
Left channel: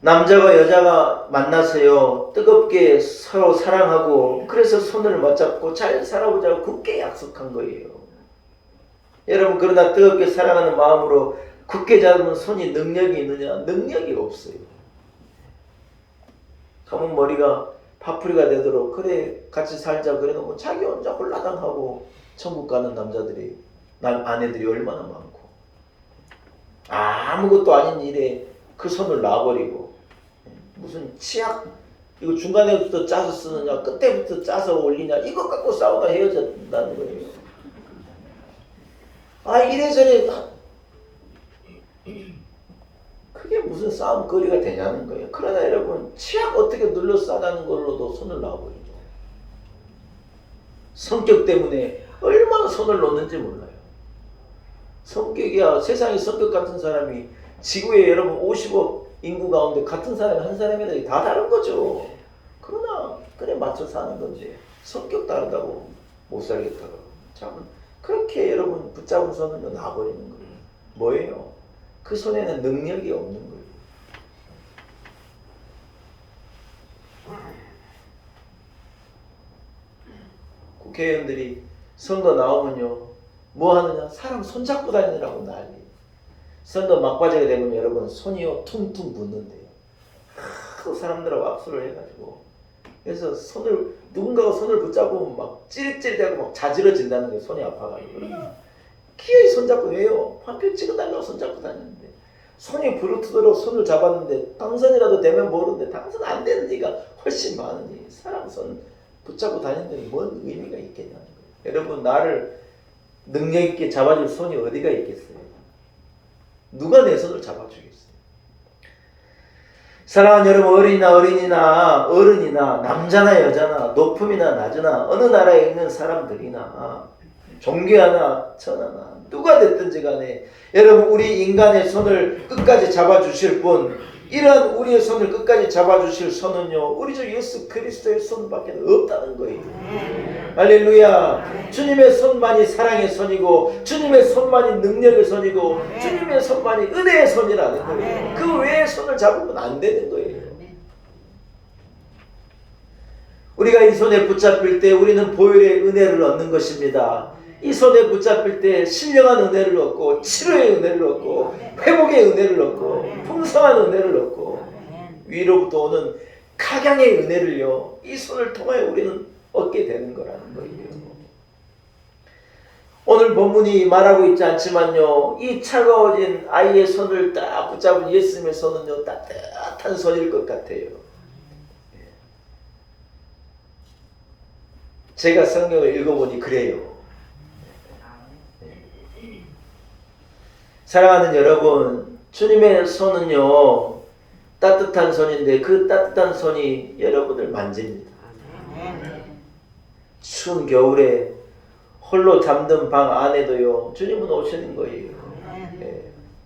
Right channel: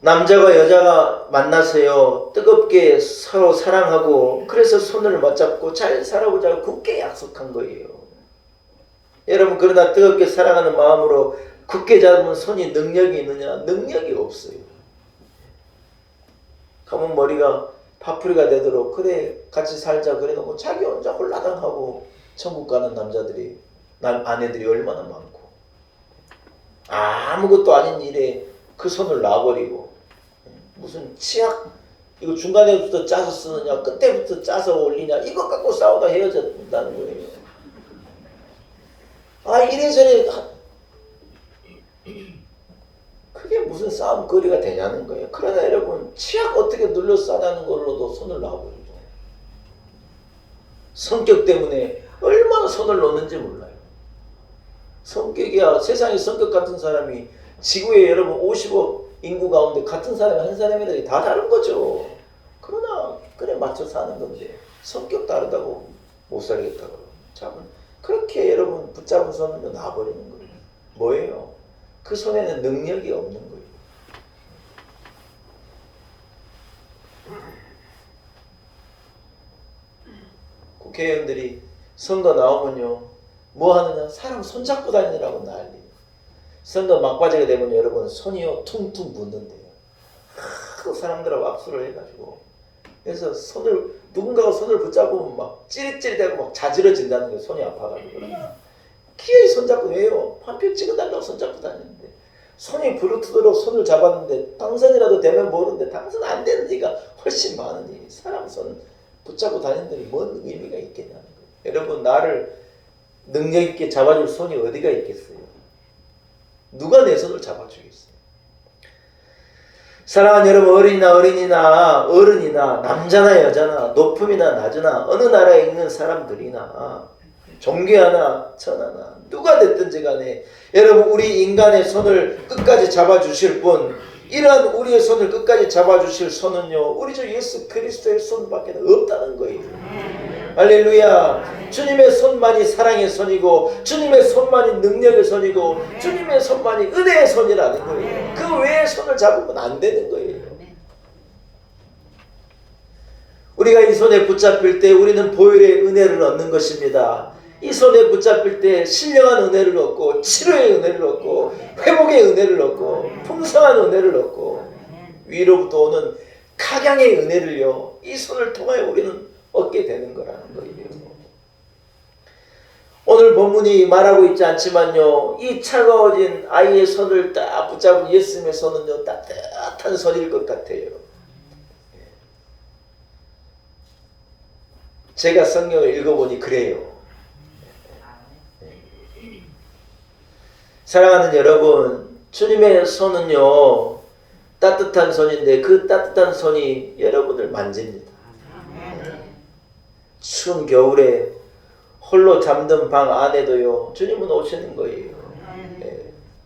남자가 여자가 만나서요 뜨겁게 서로 사랑하고 그래서 손을 맞잡고 잘 살아보자고 굳게 약속한 거예요. 여러분 그러나 뜨겁게 사랑하는 마음으로 굳게 잡은 손이 능력이 있느냐? 능력이 없어요. 가면 머리가 파풀이가 되도록 그래 같이 살자 그래놓고 자기 혼자 홀라당하고 천국 가는 남자들이 아내들이 얼마나 많고 아무것도 아닌 일에 그 손을 놔버리고 무슨 치약 이거 중간에부터 짜서 쓰느냐 끝에부터 짜서 올리냐 이것 갖고 싸우다 헤어졌다는 거예요. 이래저래 그게 무슨 싸움거리가 되냐는 거예요. 그러나 여러분 치약 어떻게 눌러싸자는 걸로도 손을 놔버리죠. 성격 때문에 얼마나 손을 놓는지 몰라요. 성격이야 세상에 성격 같은 사람이 지구에 여러분 50억 인구 가운데 같은 사람이 한 사람이라도 다 다른 거죠. 그러나 그래 맞춰 사는 건데 성격 다르다고 못 살겠다고 참 그렇게 여러분 붙잡은 손을 놔버리는 거예요. 뭐예요? 그 손에는 능력이 없는 거예요. 국회의원들이 선거 나오면요 뭐 하느냐? 사람 손잡고 다니느라고 난리. 선거 막바지가 되면 여러분 손이요 퉁퉁 붓는데요. 하도 사람들하고 악수를 해가지고 그래서 누군가가 손을 붙잡으면 막 찌릿찌릿하고 막 자지러진다는 거예요. 손이 아파가지고. 기어이 손잡고 왜요? 한 표 찍어달라고 손잡고 다녔는데 손이 부르트도록 손을 잡았는데 당선이라도 되면 모르는데 당선 안 되는 이가 훨씬 많으니 사람 손 붙잡고 다니는 데는 뭔 의미가 있겠냐는 거예요. 여러분 나를 능력 있게 잡아줄 손이 어디가 있겠어요? 누가 내 손을 잡아주겠어요? 사랑하는 여러분 어른이나 남자나 여자나 높음이나 낮으나 어느 나라에 있는 사람들이나 종교하나 천하나 누가 됐든지 간에 여러분 우리 인간의 손을 끝까지 잡아주실 분 이런 우리의 손을 끝까지 잡아주실 손은요 우리 주 예수 그리스도의 손밖에 없다는 거예요. 할렐루야. 주님의 손만이 사랑의 손이고 주님의 손만이 능력의 손이고 주님의 손만이 은혜의 손이라는 거예요. 그 외의 손을 잡으면 안 되는 거예요. 우리가 이 손에 붙잡힐 때 우리는 보혈의 은혜를 얻는 것입니다. 이 손에 붙잡힐 때 신령한 은혜를 얻고 치료의 은혜를 얻고 회복의 은혜를 얻고 풍성한 은혜를 얻고 위로부터 오는 각양의 은혜를요 이 손을 통하여 우리는 얻게 되는 거라는 거예요. 오늘 본문이 말하고 있지 않지만요 이 차가워진 아이의 손을 딱 붙잡은 예수님의 손은요 따뜻한 손일 것 같아요. 제가 성경을 읽어보니 그래요. 사랑하는 여러분 주님의 손은요 따뜻한 손인데 그 따뜻한 손이 여러분을 만집니다. 추운 겨울에 홀로 잠든 방 안에도요 주님은 오시는 거예요.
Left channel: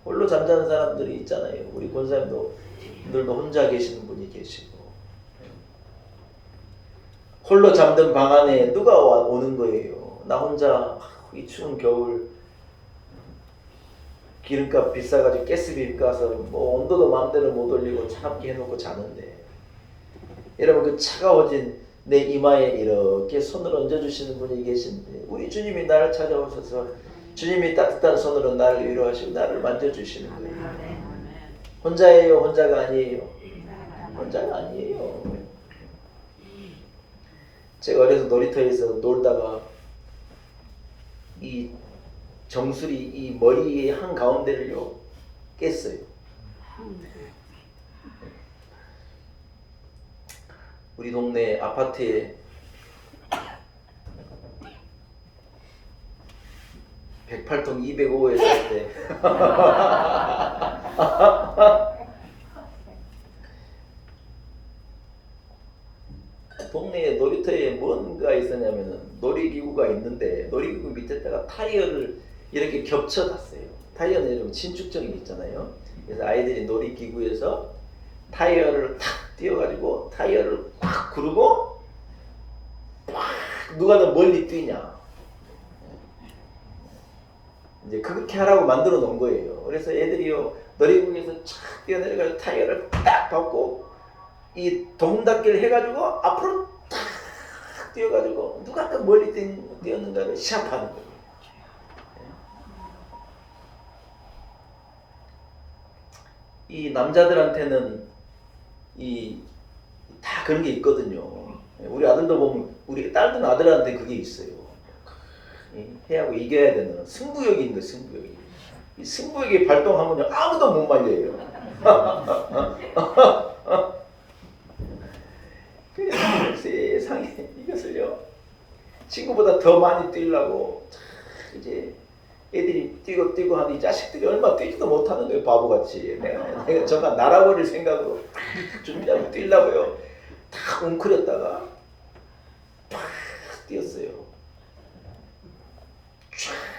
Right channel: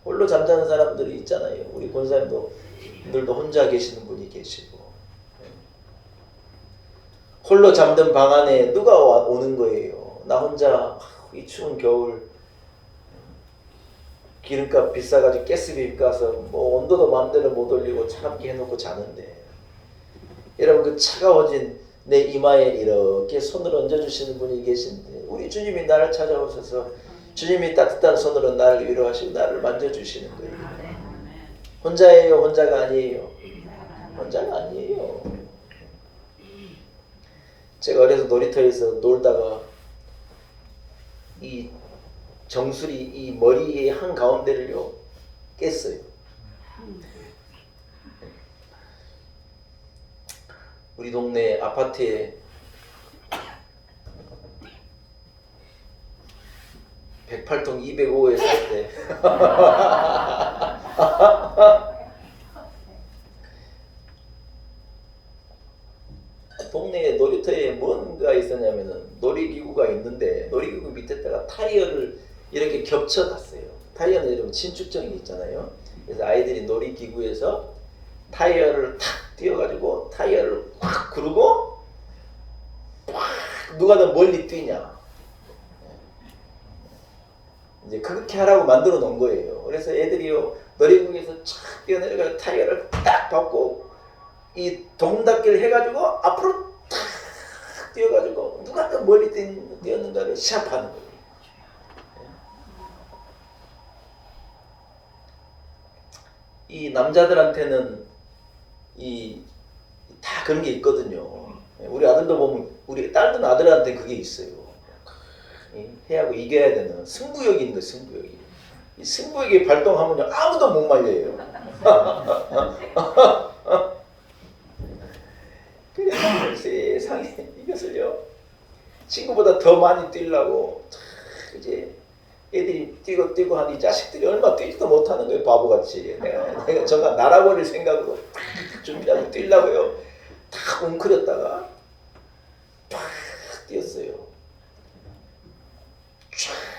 홀로 잠자는 사람들이 있잖아요. 우리 권사님들도 혼자 계시는 분이 계시고 홀로 잠든 방 안에 누가 오는 거예요. 나 혼자 이 추운 겨울 기름값 비싸가지고 가스비 가서 뭐 온도도 마음대로 못 올리고 차갑게 해놓고 자는데 여러분 그 차가워진 내 이마에 이렇게 손을 얹어주시는 분이 계신데 우리 주님이 나를 찾아오셔서 주님이 따뜻한 손으로 나를 위로하시고 나를 만져주시는 거예요. 혼자예요? 혼자가 아니에요? 혼자가 아니에요. 제가 어려서 놀이터에서 놀다가 이 정수리 이 머리의 한 가운데를요 깼어요. 우리 동네 아파트에 108동 205호에 살 때 동네에 놀이터에 뭔가 있었냐면은 놀이기구가 있는데 놀이기구 밑에다가 타이어를 이렇게 겹쳐놨어요. 타이어는 여러분 신축정이 있잖아요. 그래서 아이들이 놀이기구에서 타이어를 탁 띄워가지고 타이어를 확 구르고 확 누가 더 멀리 뛰냐 이제 그렇게 하라고 만들어 놓은 거예요. 그래서 애들이요 놀이기구에서 촥 뛰어내려가지고 타이어를 딱 밟고 이 동작기를 해가지고 앞으로 탁 뛰어가지고 누가 더 멀리 뛰었는가를 시합하는 거예요. 이 남자들한테는 이 다 그런 게 있거든요. 우리 아들도 보면 우리 딸도 아들한테 그게 있어요. 해하고 이겨야 되는 승부욕이 있는 거 승부욕이. 이 승부욕이 발동하면요 아무도 못 말려요. 그래서 세상에 이것을요 친구보다 더 많이 뛰려고 이제 애들이 뛰고 하니 이 자식들이 얼마 뛰지도 못하는 거예요. 바보같이. 내가 저가 날아버릴 생각으로 준비하고 뛰려고요. 다 웅크렸다가 팍 뛰었어요.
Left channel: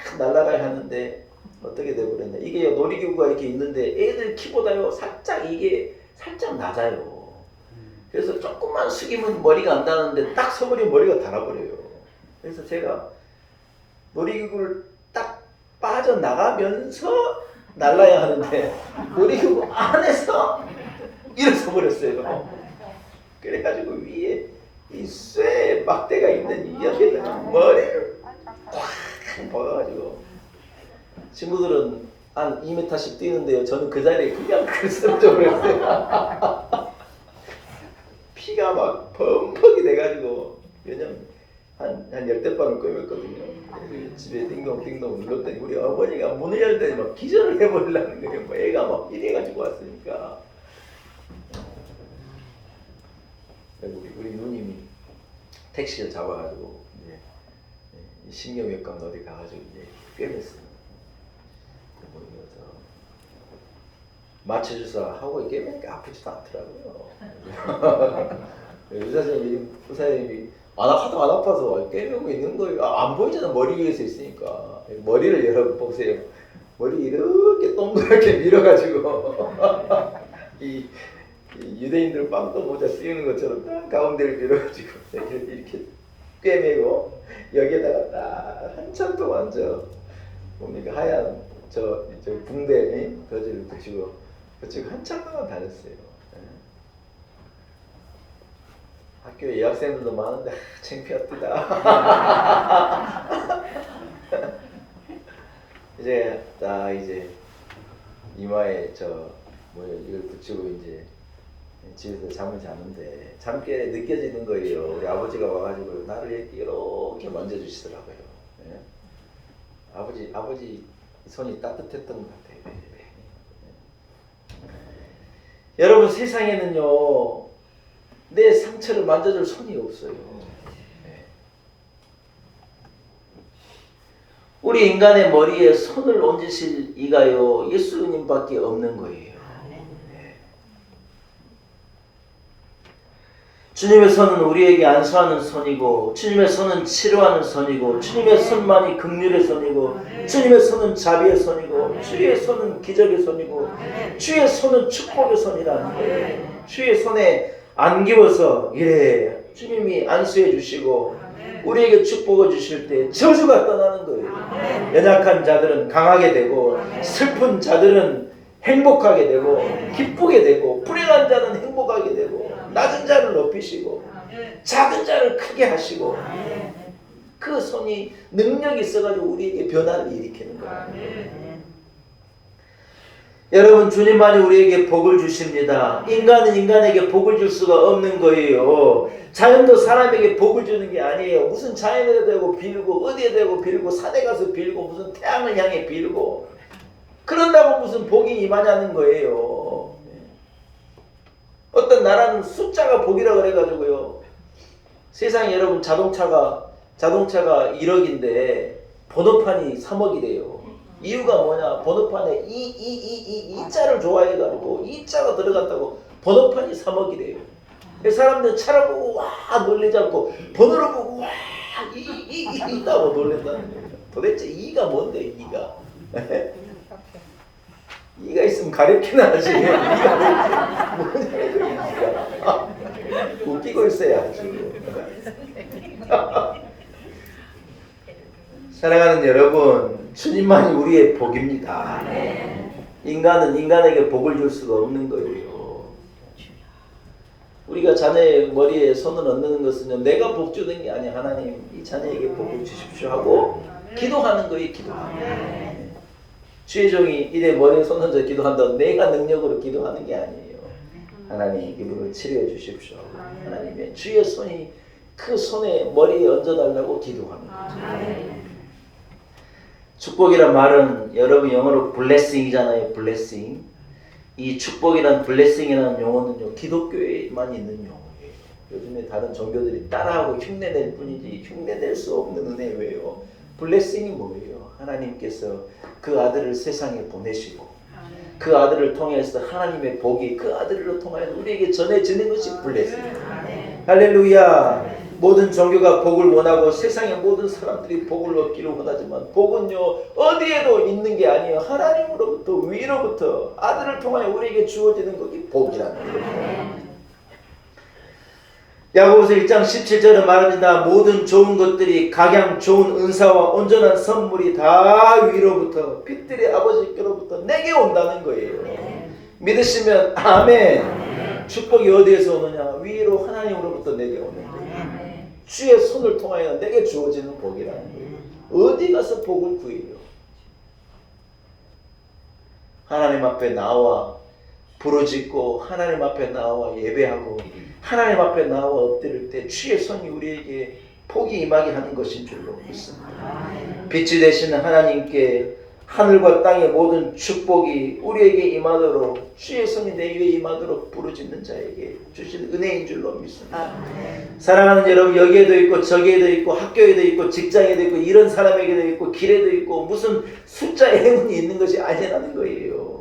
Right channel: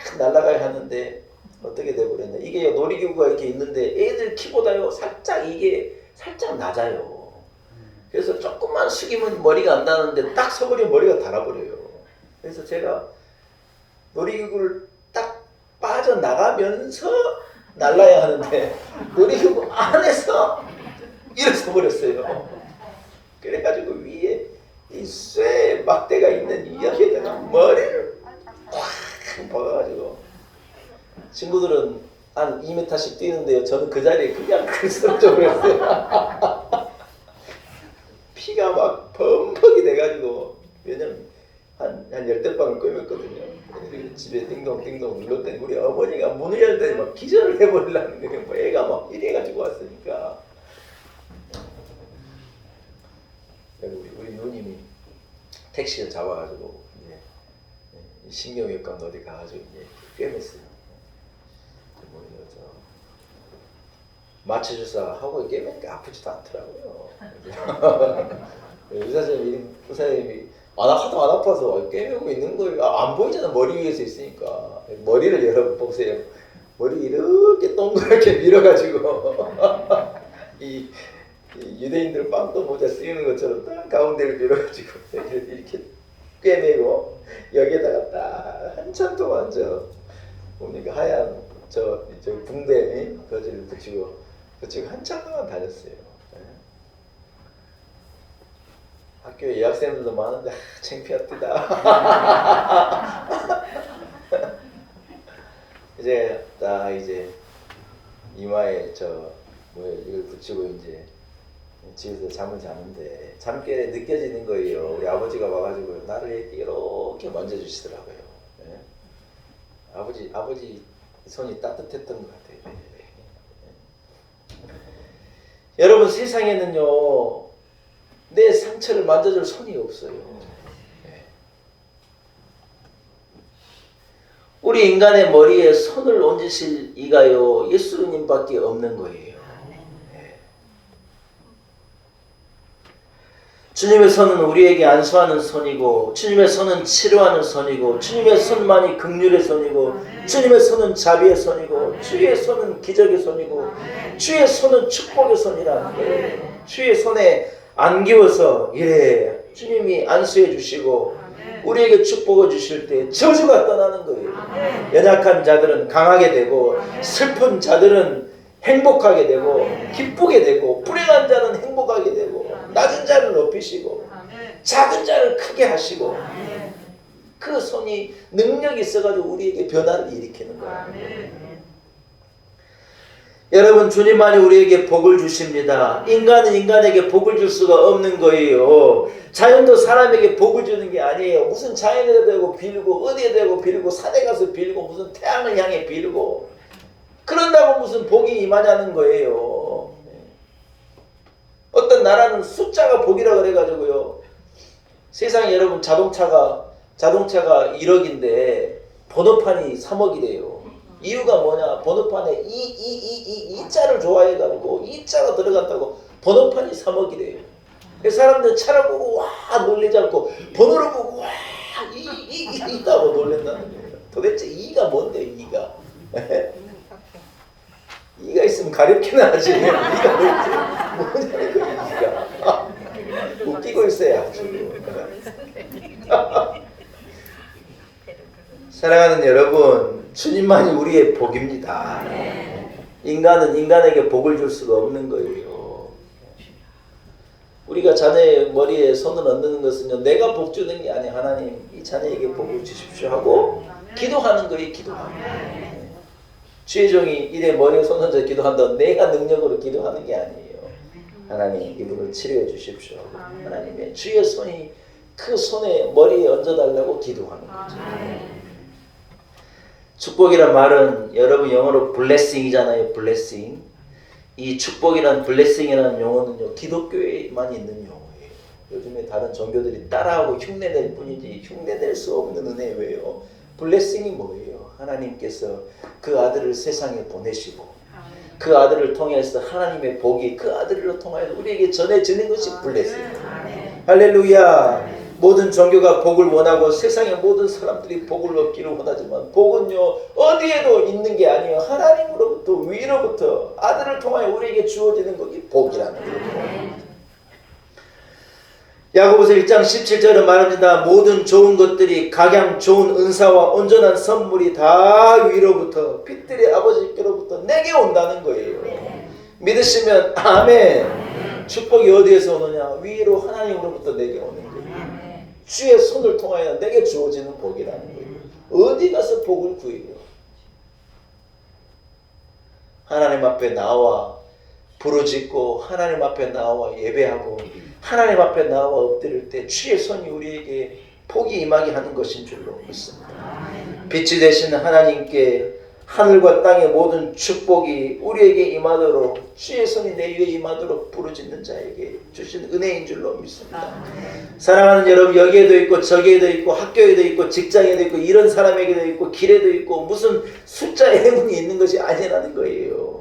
쫙 날아가야 하는데 어떻게 돼버렸냐. 이게 놀이기구가 이렇게 있는데 애들 키보다요 이게 살짝 낮아요. 그래서 조금만 숙이면 머리가 안 닿는데 딱 서버리면 머리가 닳아버려요. 그래서 제가 놀이기구를 딱 빠져나가면서 날라야 하는데 놀이기구 안에서 일어서 버렸어요. 그래가지고 위에 이 쇠 막대가 있는 이 옆에다가 머리를 확 박아가지고 친구들은 한 2m씩 뛰는데요. 저는 그 자리에 그냥 쓰러져 버렸어요. 피가 막 펑펑이 돼가지고 왜냐면 한 10대 방을 꿰맸거든요. 집에 띵동띵동 눌렀더니 우리 어머니가 문을 열더니 막 기절을 해버리려는 거예요. 뭐 애가 막 이래가지고 왔으니까. 우리 누님이 택시를 잡아가지고 이제 신경외과 어디 가가지고 이제 꿰맸어요. 뭐 이거 마취주사 하고 꿰매니까 아프지도 않더라고요. 의사님이 하도 안 아파서 꿰매고 있는 거예요. 안 보이잖아. 머리 위에서 있으니까. 머리를 여러분 보세요. 머리 이렇게 동그랗게 밀어가지고 이 유대인들 빵도 모자 씌우는 것처럼 딱 가운데를 밀어가지고 이렇게 꿰매고 여기에다가 딱 한참 동안 뭡니까 하얀 저 붕대 거지를 붙이고 한참 동안 다녔어요. 학교에 여학생들도 많은데 창피합니다. 이제 이마에 이걸 붙이고 이제 집에서 잠을 자는데 잠결에 느껴지는 거예요. 우리 아버지가 와가지고 나를 이렇게 만져주시더라고요. 아버지 손이 따뜻했던 것 같아요. 여러분 세상에는요 내 상처를 만져줄 손이 없어요. 우리 인간의 머리에 손을 얹으실 이가요 예수님밖에 없는 거예요. 주님의 손은 우리에게 안수하는 손이고 주님의 손은 치료하는 손이고 주님의 손만이 긍휼의 손이고 주님의 손은 자비의 손이고 주의 손은 기적의 손이고 주의 손은 축복의 손이라. 주의 손에 안기워서 주님이 안수해 주시고 우리에게 축복을 주실 때 저주가 떠나는 거예요. 연약한 자들은 강하게 되고 슬픈 자들은 행복하게 되고 기쁘게 되고 불행한 자는 행복하게 되고 낮은 자를 높이시고 작은 자를 크게 하시고 그 손이 능력이 있어가지고 우리에게 변화를 일으키는 거예요. 여러분, 주님만이 우리에게 복을 주십니다. 인간은 인간에게 복을 줄 수가 없는 거예요. 자연도 사람에게 복을 주는 게 아니에요. 무슨 자연에다 대고 빌고 어디에 대고 빌고 산에 가서 빌고 무슨 태양을 향해 빌고 그런다고 무슨 복이 임하냐는 거예요. 어떤 나라는 숫자가 복이라 그래가지고요. 세상에 여러분 자동차가 1억인데 번호판이 3억이래요. 이유가 뭐냐? 번호판에 이 자를 좋아해가지고 이 자가 들어갔다고 번호판이 3억이래요. 사람들 차를 보고 와 놀리지 않고 번호를 보고 와 이 있다고 놀란다는 거예요. 도대체 이가 뭔데 이가? 이가 있으면 가렵긴 하지. 이가 뭐냐는 거야 이가. 웃기고 있어야지. 사랑하는 여러분, 주님만이 우리의 복입니다. 인간은 인간에게 복을 줄 수가 없는 거예요. 우리가 자녀의 머리에 손을 얹는 것은요, 내가 복 주는 게 아니에요. 하나님, 이 자녀에게 복을 주십시오 하고 기도하는 거예요. 기도하는 거예요. 주의 종이 이래 머리에 손 얹어 기도한다고 내가 능력으로 기도하는 게 아니에요. 하나님, 이분을 치료해 주십시오. 하나님의 주의 손이 그 손에 머리에 얹어달라고 기도하는 거죠. 축복이란 말은 여러분 영어로 blessing이잖아요. blessing. 이 축복이란 blessing이라는 용어는요, 기독교에만 있는 용어예요. 요즘에 다른 종교들이 따라하고 흉내낼 뿐이지 흉내낼 수 없는 은혜예요. blessing이 뭐예요? 하나님께서 그 아들을 세상에 보내시고 그 아들을 통해서 하나님의 복이 그 아들을 통하여 우리에게 전해지는 것이 blessing. 할렐루야. 모든 종교가 복을 원하고 세상의 모든 사람들이 복을 얻기를 원하지만 복은요 어디에도 있는 게 아니에요. 하나님으로부터 위로부터 아들을 통하여 우리에게 주어지는 것이 복이라는 거예요. 야고보서 1장 17절에 말합니다. 모든 좋은 것들이 각양 좋은 은사와 온전한 선물이 다 위로부터 빛들의 아버지께로부터 내게 온다는 거예요. 믿으시면 아멘. 축복이 어디에서 오느냐? 위로 하나님으로부터 내게 오는 거예요. 주의 손을 통하여 내게 주어지는 복이라는 거예요. 어디 가서 복을 구해요? 하나님 앞에 나와 부르짖고 하나님 앞에 나와 예배하고 하나님 앞에 나와 엎드릴 때 주의 손이 우리에게 복이 임하게 하는 것인 줄로 믿습니다. 빛이 되시는 하나님께 하늘과 땅의 모든 축복이 우리에게 임하도록 주의 손이 내 위에 임하도록 부르짖는 자에게 주신 은혜인 줄로 믿습니다. 사랑하는 여러분, 여기에도 있고 저기에도 있고 학교에도 있고 직장에도 있고 이런 사람에게도 있고 길에도 있고 무슨 숫자의 행운이 있는 것이 아니라는 거예요.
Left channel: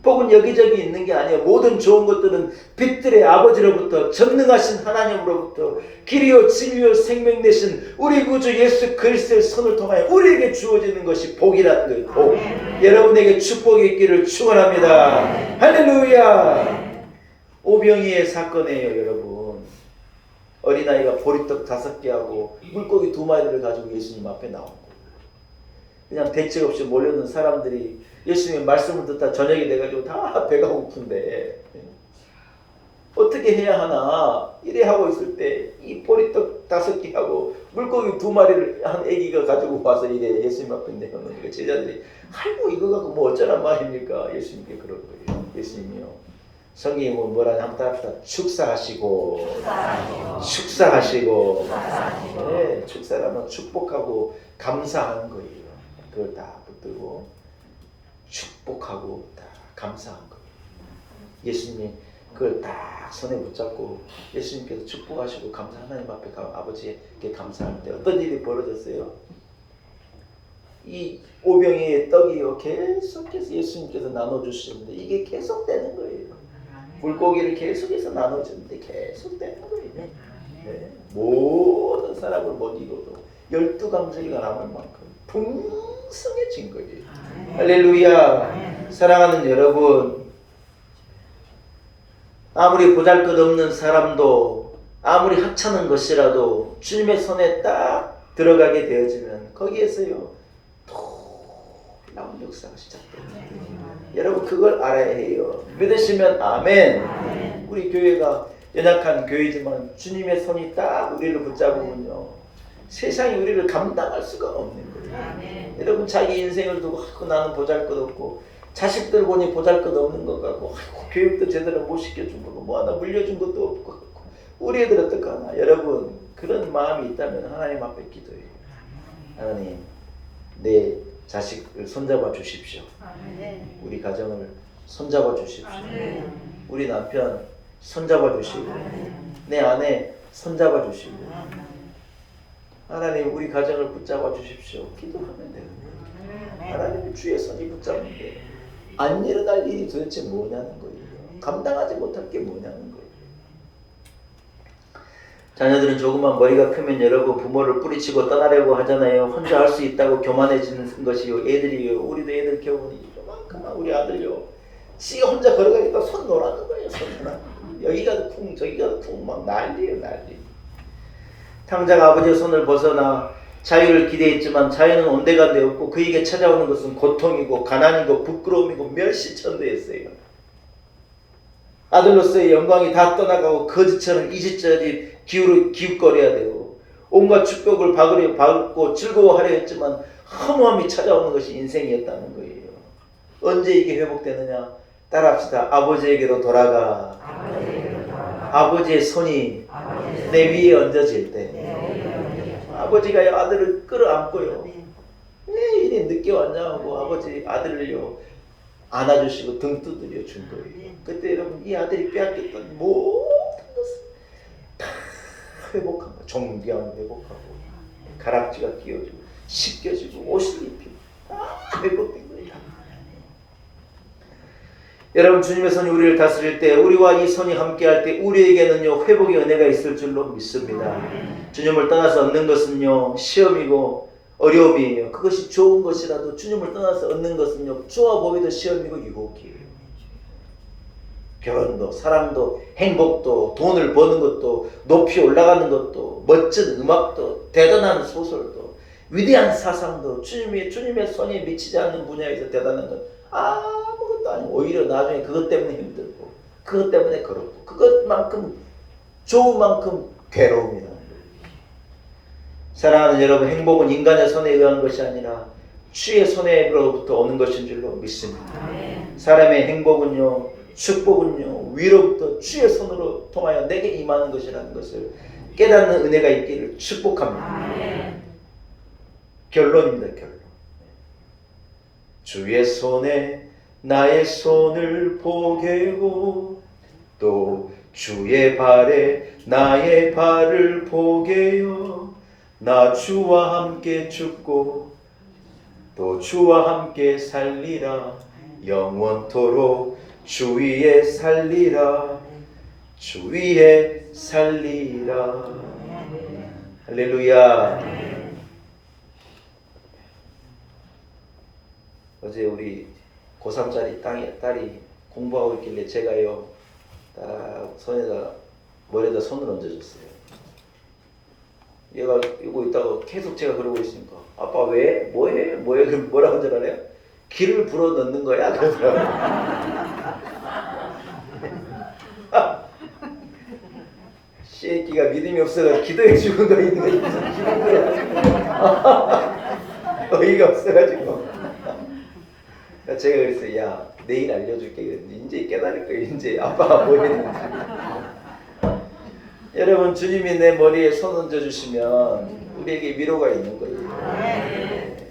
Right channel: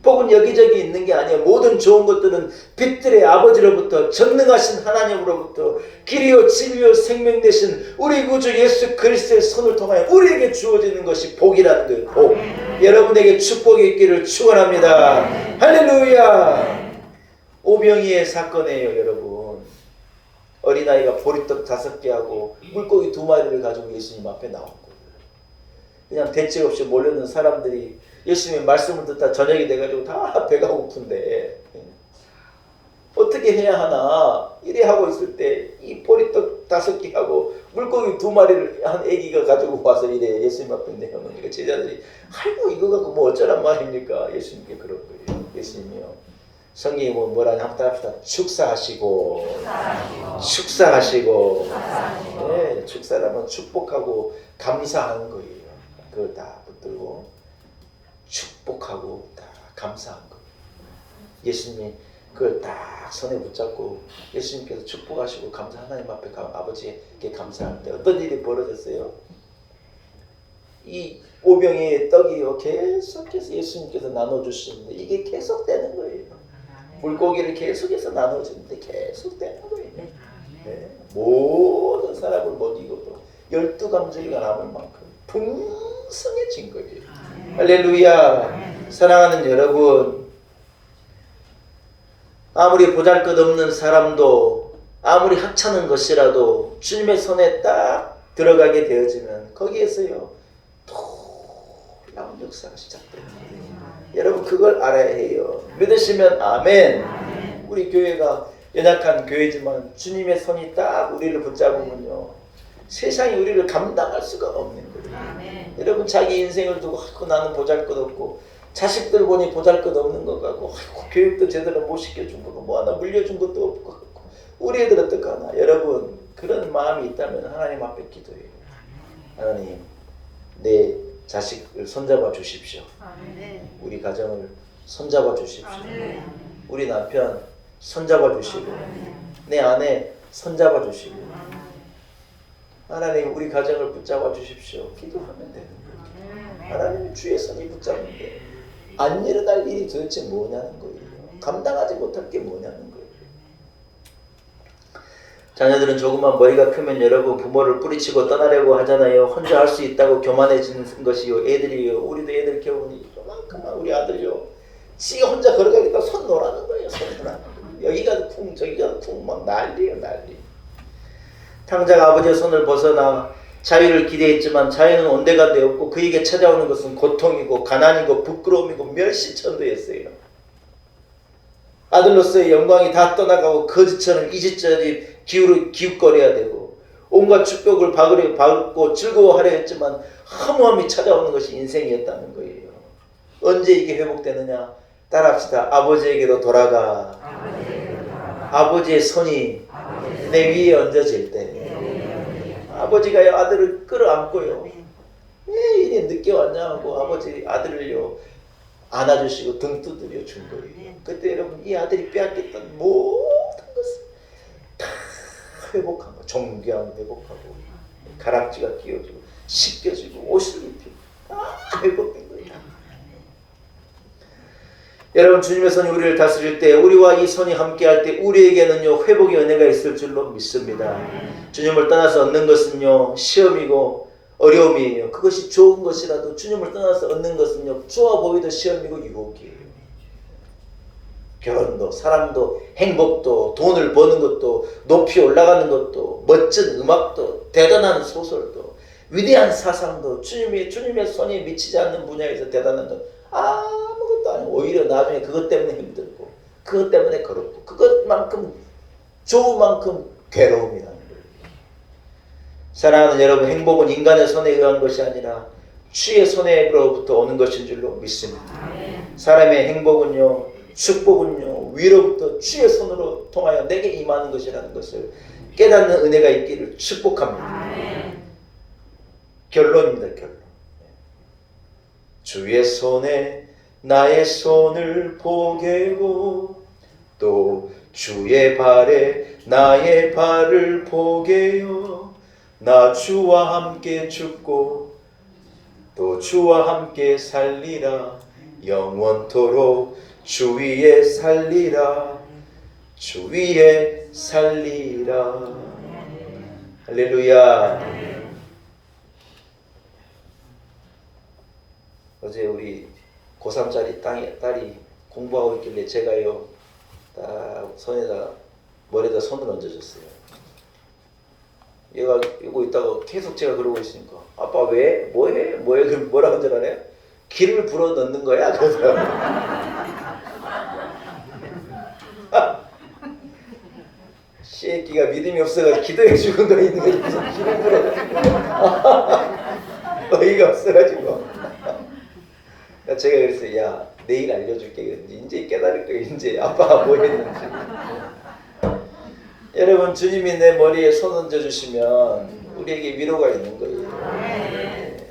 복은 여기저기 있는 게 아니에요. 모든 좋은 것들은 빛들의 아버지로부터 전능하신 하나님으로부터 길이요 진리요 생명 되신 우리 구주 예수 그리스도의 손을 통하여 우리에게 주어지는 것이 복이라는 거예요. 복. 여러분에게 축복이 있기를 축원합니다. 할렐루야. 오병이의 사건이에요. 여러분, 어린아이가 보리떡 5개하고 물고기 2마리를 가지고 예수님 앞에 나온 거예요. 그냥 대책 없이 몰려든 사람들이 예수님의 말씀을 듣다 저녁이 돼가지고 다 배가 고픈데 어떻게 해야 하나 이래 하고 있을 때 이 보리떡 5개하고 물고기 2마리를 한 애기가 가지고 와서 이래 예수님 앞에 내놓으니까 제자들이 아이고 이거 갖고 뭐 어쩌란 말입니까? 예수님께 그런 거예요. 예수님이요, 성경이 뭐라냐 한번 따라합시다. 축사하시고 네, 축사라면 축복하고 감사하는 거예요. 그걸 다 붙들고 축복하고 다 감사한 거예요. 예수님이 그걸 딱 손에 붙잡고 예수님께서 축복하시고 감사 하나님 앞에 아버지께 감사할 때 어떤 일이 벌어졌어요? 이 오병이의 떡이요 계속해서 예수님께서 나눠주시는데 이게 계속되는 거예요. 물고기를 계속해서 나눠주는데 계속되는 거예요. 네. 모든 사람을 먹이고 또 12강주리가 남을 만큼 풍성해진 거예요. 할렐루야. 사랑하는 여러분, 아무리 보잘것없는 사람도 아무리 하찮은 것이라도 주님의 손에 딱 들어가게 되어지면 거기에서요 놀라운 역사가 시작됩니다. 여러분 그걸 알아야 해요. 믿으시면 아멘. 우리 교회가 연약한 교회지만 주님의 손이 딱 우리를 붙잡으면요 세상이 우리를 감당할 수가 없는 거예요. 여러분 자기 인생을 두고 나는 보잘것없고 자식들 보니 보잘것없는 것 같고, 아이고, 교육도 제대로 못 시켜준 거고 뭐 하나 물려준 것도 없고 우리 애들 어떡하나. 여러분 그런 마음이 있다면 하나님 앞에 기도해요. 하나님 내 자식을 손잡아 주십시오. 우리 가정을 손잡아 주십시오. 우리 남편 손잡아 주시고 내 아내 손잡아 주시고 하나님 우리 가정을 붙잡아 주십시오. 기도하면 되는 거예요. 하나님의 주의 손이 붙잡는데 안 일어날 일이 도대체 뭐냐는 거예요. 감당하지 못할 게 뭐냐는 거예요. 자녀들은 조금만 머리가 크면 여러분 부모를 뿌리치고 떠나려고 하잖아요. 혼자 할 수 있다고 교만해지는 것이요. 애들이요. 우리도 애들 겨우니 요만큼만 우리 아들요. 지가 혼자 걸어가겠다 손 놓으라는 거예요. 손 놓으라는 거예요. 여기가 쿵 저기가 쿵 막 난리예요. 난리. 탕자가 아버지의 손을 벗어나 자유를 기대했지만 자유는 온데간데 없고 그에게 찾아오는 것은 고통이고 가난이고 부끄러움이고 멸시천도였어요. 아들로서의 영광이 다 떠나가고 거지처럼 이집저집 기웃거려야 되고 온갖 축복을 받고 즐거워하려 했지만 허무함이 찾아오는 것이 인생이었다는 거예요. 언제 이게 회복되느냐? 따라합시다. 아버지에게로 돌아가. 아버지의 손이 내 위에 얹어질 때 아버지가 아들을 끌어안고요. 왜 이리 늦게 왔냐 하고 아버지 아들을요 안아주시고 등 두드려 준 거예요. 그때 여러분 이 아들이 빼앗겼던 모든 것을 다 회복한 거. 종교함을 회복하고 가락지가 끼워지고 씻겨지고 옷을 입히고 다 회복된 거예요. 여러분 주님의 손이 우리를 다스릴 때 우리와 이 손이 함께할 때 우리에게는요 회복의 은혜가 있을 줄로 믿습니다. 주님을 떠나서 얻는 것은요 시험이고 어려움이에요. 그것이 좋은 것이라도 주님을 떠나서 얻는 것은요 좋아 보이도 시험이고 유혹이에요. 결혼도 사람도 행복도 돈을 버는 것도 높이 올라가는 것도 멋진 음악도 대단한 소설도 위대한 사상도 주님의 손이 미치지 않는 분야에서 대단한 건 아무것도 아니고 오히려 나중에 그것 때문에 힘들고 그것 때문에 괴롭고 그것만큼 좋은 만큼 괴로움이라는 거예요. 사랑하는 여러분, 행복은 인간의 손에 의한 것이 아니라 주의 손에로부터 오는 것인 줄로 믿습니다. 사람의 행복은요, 축복은요, 위로부터 주의 손으로 통하여 내게 임하는 것이라는 것을 깨닫는 은혜가 있기를 축복합니다. 결론입니다. 결론. 주의 손에 나의 손을 보게요, 또 주의 발에 나의 발을 보게요. 나 주와 함께 죽고 또 주와 함께 살리라. 영원토록 주 위에 살리라. 주 위에 살리라. 할렐루야. 어제 우리 고3짜리 딸이 공부하고 있길래 제가요 딱 손에다 머리에다 손을 얹어줬어요. 얘가 이거 있다가 계속 제가 그러고 있으니까 아빠 왜? 뭐해? 그럼 뭐라고 전화해요? 기를 불어 넣는 거야? 그러더라고요. 새끼가 믿음이 없어가지고 기도해 주고 너 있는 거 무슨 기를 불어 어이가 없어가지고 제가 그랬어요. 야 내일 알려줄게. 그랬는데 이제 깨달을 거예요. 이제 아빠가 뭐 했는지. 여러분 주님이 내 머리에 손 얹어주시면 우리에게 위로가 있는 거예요.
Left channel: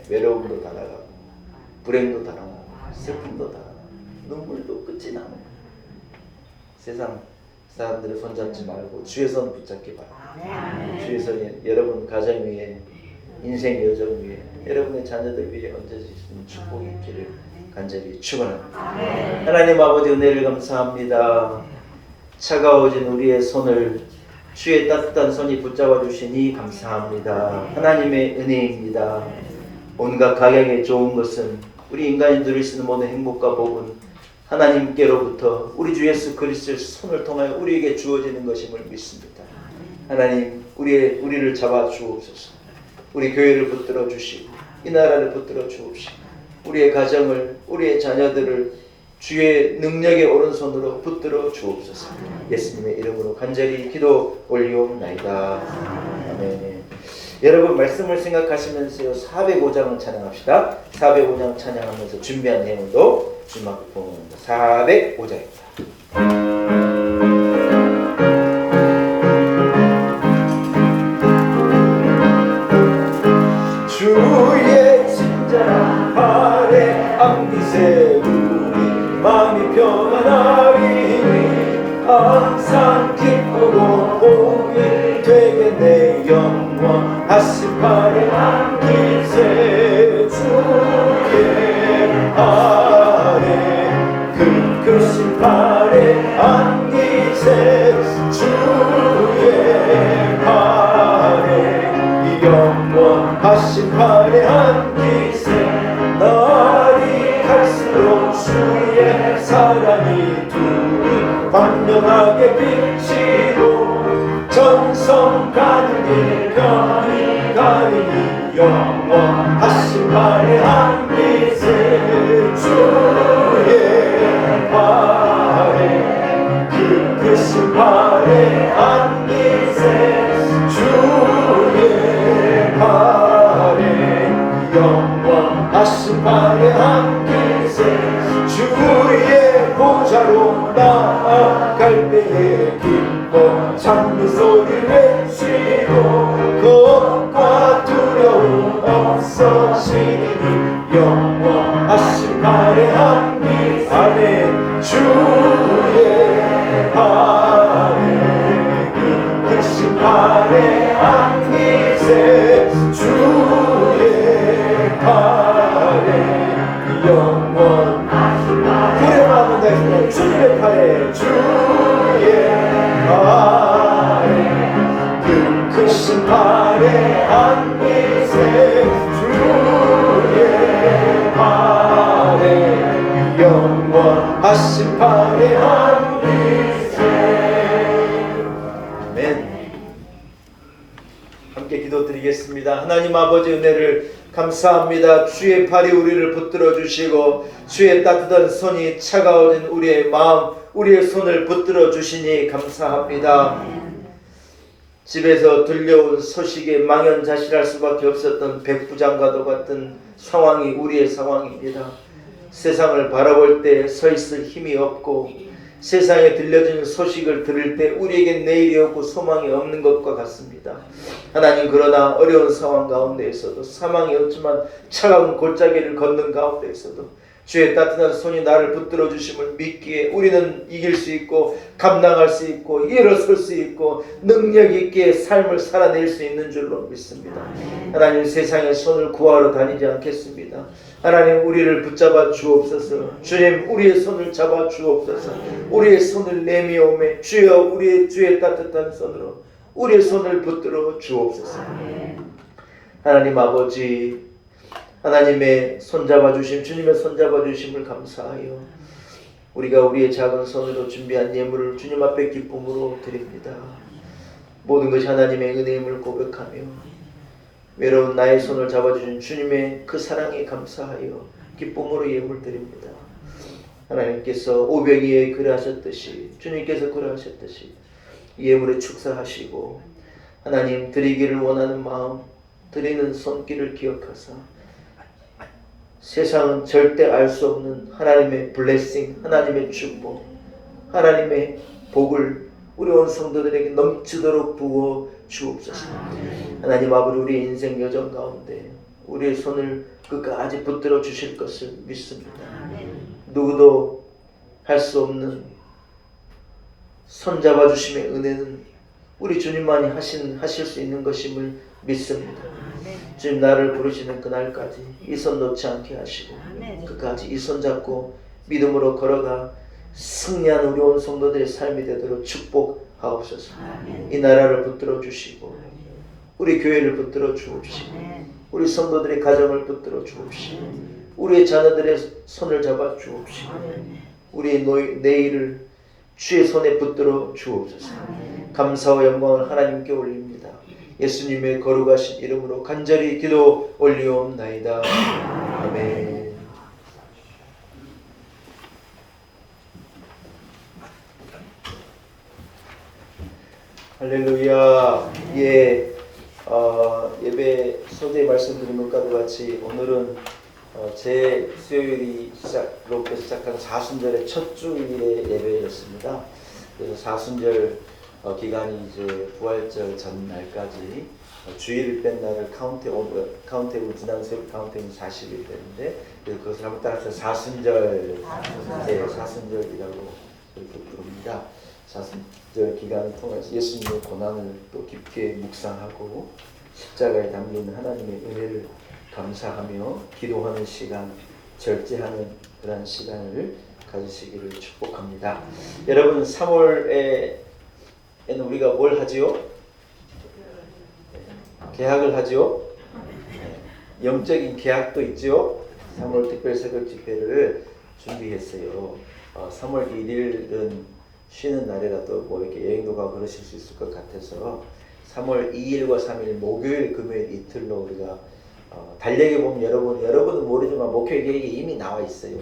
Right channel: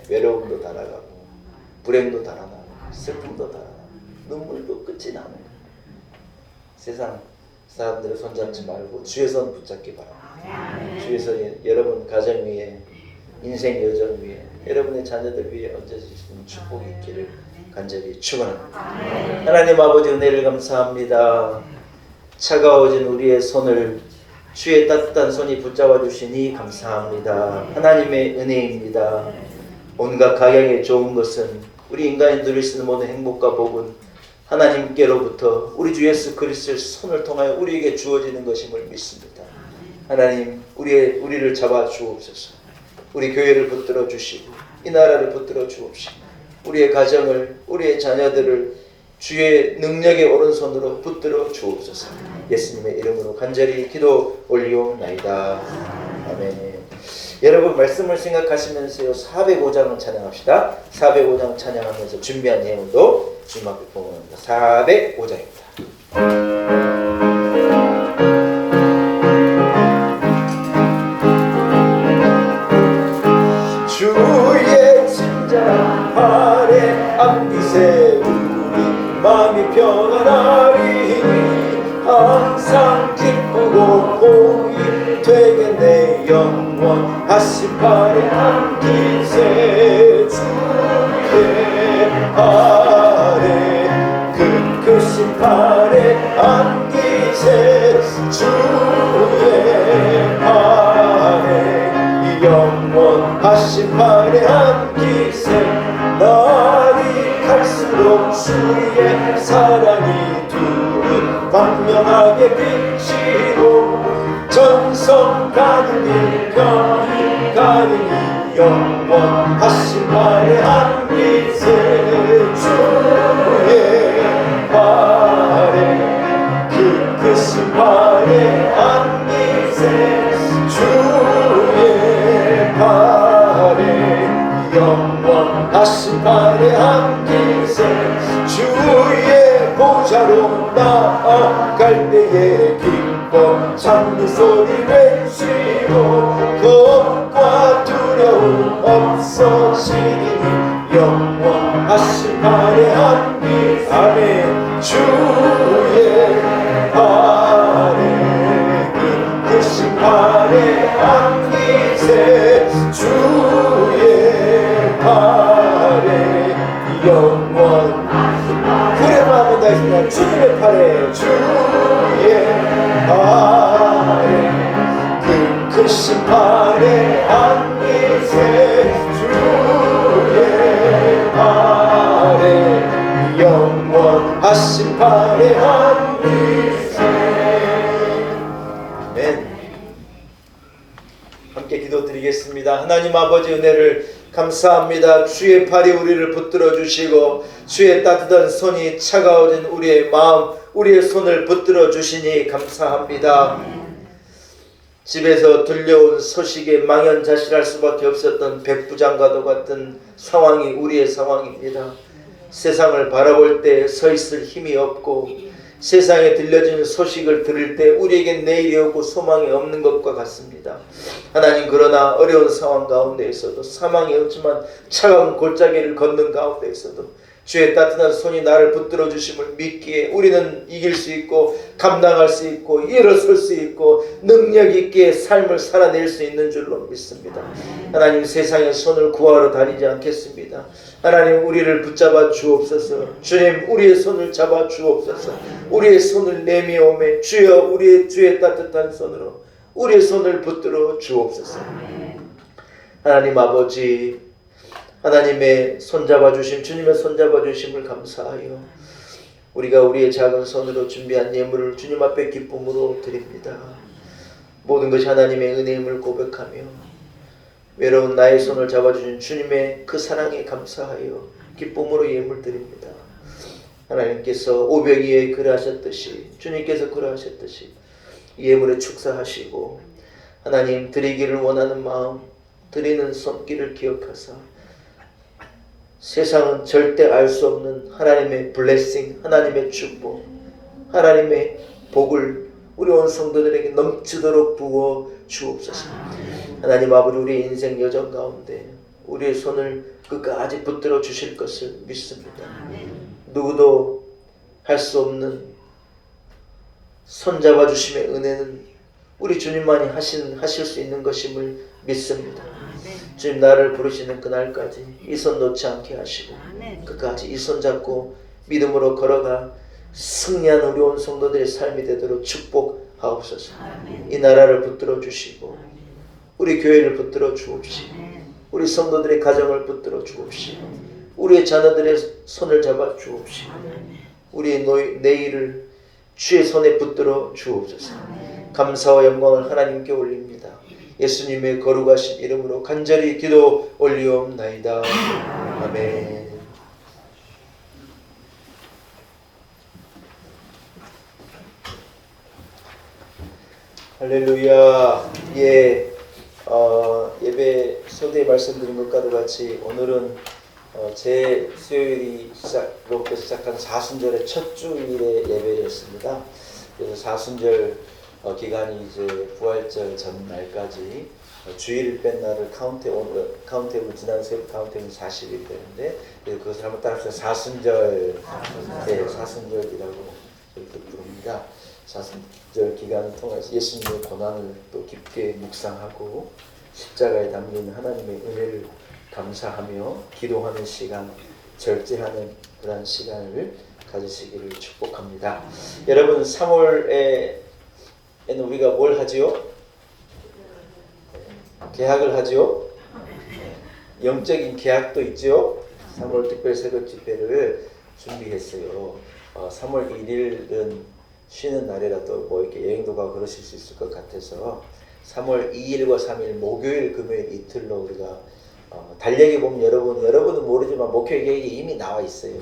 외로움도 다 나가고 불행도 다 나가고 슬픔도 다 나가고 눈물도 끝이 나는 거예요. 세상 사람들의 손 잡지 말고 주의 손 붙잡기 바랍니다. 주의 손이 여러분 가정 위에 인생 여정 위에 여러분의 자녀들 위에 얹어주시는 축복이 있기를 간절히 축원합니다. 하나님 아버지 은혜를 감사합니다. 차가워진 우리의 손을 주의 따뜻한 손이 붙잡아 주시니 감사합니다. 하나님의 은혜입니다. 온갖 각양에 좋은 것은 우리 인간이 누릴 수 있는 모든 행복과 복은 하나님께로부터 우리 주 예수 그리스도의 손을 통하여 우리에게 주어지는 것임을 믿습니다. 하나님 우리를 잡아 주옵소서. 우리 교회를 붙들어 주시고 이 나라를 붙들어 주옵시고 우리의 가정을 우리의 자녀들을 주의 능력의 오른손으로 붙들어 주옵소서. 예수님의 이름으로 간절히 기도 올리옵나이다. 아멘. 여러분 말씀을 생각하시면서요 405장을 찬양합시다. 405장 찬양하면서 준비한 예물도 주님 앞에 봉헌합니다. 405장입니다. 주의 진정한 발에 안기세 우리 마음이 평안하리니 항상 기쁘고 복이 되게 내 영원 하신 발에 안기세 주의 발에 그 크신 발에 안기세 주의 발에 영원 하신 발에 안기세 날이 갈수록 주의 사랑이 두른 광명하게 비치고 전성 가는 병이 가리니 영원 하신 발에 안기세 주의 발에 그 크신 발에 안기세 주의 발에 영원 하신 발에 안기세 주의 보좌로 나아갈 때에 기뻐 찬미 소리 외치고 겁과 두려움 없어지니 영원 하신 발에 안기세 아멘 주의 발에 그 크신 발에 안기세 주의 발에 영원 그래도 한번 더 하십니다. 주의 발에 주의 발에 그 크신 발에 안기세 주의 발에 영원 하신 발에 안기세 아멘. 함께 기도드리겠습니다. 하나님 아버지 은혜를 감사합니다. 주의 팔이 우리를 붙들어 주시고 주의 따뜻한 손이 차가워진 우리의 마음 우리의 손을 붙들어 주시니 감사합니다. 집에서 들려온 소식에 망연자실할 수밖에 없었던 백부장과도 같은 상황이 우리의 상황입니다. 세상을 바라볼 때 서 있을 힘이 없고 세상에 들려지는 소식을 들을 때 우리에겐 내일이 없고 소망이 없는 것과 같습니다. 하나님 그러나 어려운 상황 가운데에서도 사망이 없지만 차가운 골짜기를 걷는 가운데에서도 주의 따뜻한 손이 나를 붙들어 주심을 믿기에 우리는 이길 수 있고 감당할 수 있고 일어설 수 있고 능력 있게 삶을 살아낼 수 있는 줄로 믿습니다. 하나님 세상의 손을 구하러 다니지 않겠습니다. 하나님 우리를 붙잡아 주옵소서. 주님 우리의 손을 잡아 주옵소서. 우리의 손을 내미오매 주여 우리의 주의 따뜻한 손으로 우리의 손을 붙들어 주옵소서. 하나님 아버지 하나님의 손잡아 주심 주님의 손잡아 주심을 감사하여 우리가 우리의 작은 손으로 준비한 예물을 주님 앞에 기쁨으로 드립니다. 모든 것이 하나님의 은혜임을 고백하며 외로운 나의 손을 잡아주신 주님의 그 사랑에 감사하여 기쁨으로 예물 드립니다. 하나님께서 오병이에 그러하셨듯이 주님께서 그러하셨듯이 예물에 축사하시고 하나님 드리기를 원하는 마음 드리는 손길을 기억하사 세상은 절대 알 수 없는 하나님의 블레싱 하나님의 축복 하나님의 복을 우리 온 성도들에게 넘치도록 부어 주옵소서. 하나님 아버지 우리의 인생 여정 가운데 우리의 손을 끝까지 붙들어 주실 것을 믿습니다. 누구도 할 수 없는 손잡아 주심의 은혜는 우리 주님만이 하실 수 있는 것임을 믿습니다. 주님 나를 부르시는 그날까지 이 손 놓지 않게 하시고 끝까지 이 손 잡고 믿음으로 걸어가 승리하는 우리 온 성도들의 삶이 되도록 축복하옵소서. 이 나라를 붙들어 주시고 우리 교회를 붙들어 주옵시고 우리 성도들의 가정을 붙들어 주옵시고 우리의 자녀들의 손을 잡아 주옵시고 우리의 내일을 주의 손에 붙들어 주옵소서. 감사와 영광을 하나님께 올립니다. 예수님의 거룩하신 이름으로 간절히 기도 올리옵나이다. 아멘. 할렐루야. 예, 예배 소대 말씀드린 것과도 같이 오늘은 제 수요일이 로부터 시작한 사순절의 첫 주일의 예배였습니다. 그래서 사순절 기간이 이제 부활절 전날까지 주일을 뺀 날을 카운트해고 지난 수요일 카운트해고 40일이 되는데 그것을 한번 따라서 사순절, 네, 사순절이라고 이렇게 부릅니다. 사순절 기간을 통해서 예수님의 고난을 또 깊게 묵상하고 십자가에 담긴 하나님의 은혜를 감사하며 기도하는 시간, 절제하는 그런 시간을 가지시기를 축복합니다. 여러분 3월에는 우리가 뭘 하지요? 개학을 하지요? 영적인 개학도 있지요? 3월 특별 새벽 집회를 준비했어요. 3월 1일은 쉬는 날이라도 뭐 이렇게 여행도 가고 그러실 수 있을 것 같아서 3월 2일과 3일 목요일 금요일 이틀로 우리가 달력에 보면 여러분은 모르지만 목회 계획이 이미 나와 있어요.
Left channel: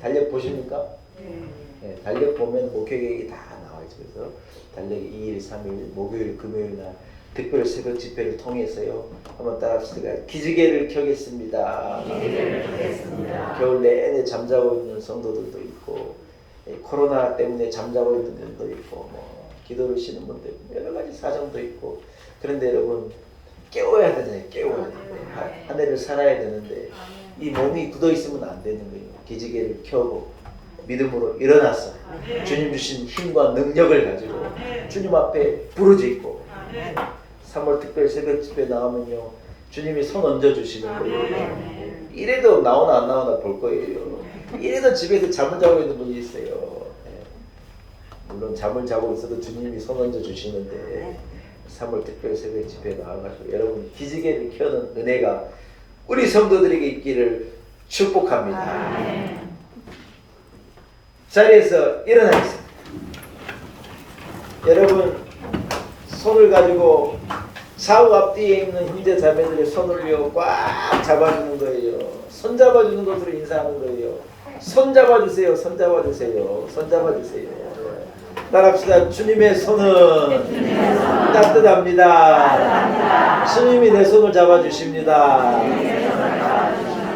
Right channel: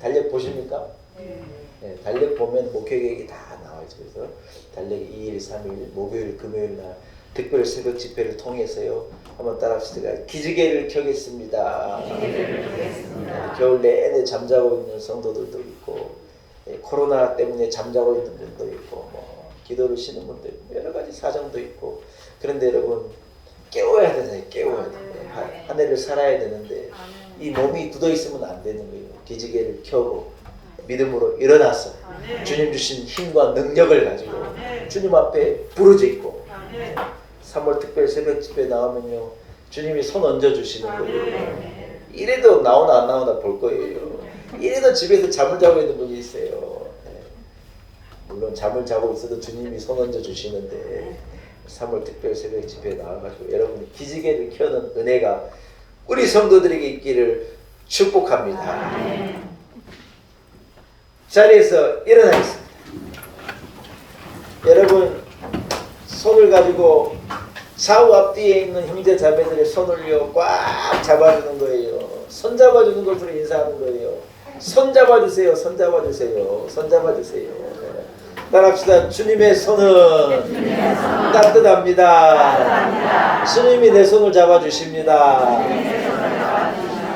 달력 보십니까? 네, 달력 보면 목회 계획이 다 나와 있어요. 그래서 달력이 2일 3일 목요일 금요일 날 특별 새벽 집회를 통해서요. 한번 따라합시다. 기지개를 켜겠습니다. 기지개를 켜겠습니다. 겨울 내내 잠자고 있는 성도들도 있고 코로나 때문에 잠자고 있는 분도 있고 뭐 기도를 쉬는 분도 있고 여러 가지 사정도 있고 그런데 여러분 깨워야 되잖아요. 깨워야 돼. 한 해를 살아야 되는데 이 몸이 굳어 있으면 안 되는 거예요. 기지개를 켜고 믿음으로 일어나서 주님 주신 힘과 능력을 가지고 주님 앞에 부르짖고 3월 특별 새벽 집회 나오면요 주님이 손 얹어 주시는 거예요. 이래도 나오나 안 나오나 볼 거예요. 이래도 집에서 잠을 자고 있는 분이 있어요. 물론 잠을 자고 있어도 주님이 손 얹어 주시는데 3월 특별 새벽 집회에 나와가지고 여러분이 기지개를 켜는 은혜가 우리 성도들에게 있기를 축복합니다. 자리에서 일어나겠습니다. 여러분 손을 가지고 좌우 앞뒤에 있는 형제 자매들의 손을 꽉 잡아주는 거예요. 손 잡아주는 것으로 인사하는 거예요. 손 잡아주세요. 손 잡아주세요. 손 잡아주세요. 따라합시다. 주님의 손은 따뜻합니다. 주님이 내 손을 잡아주십니다.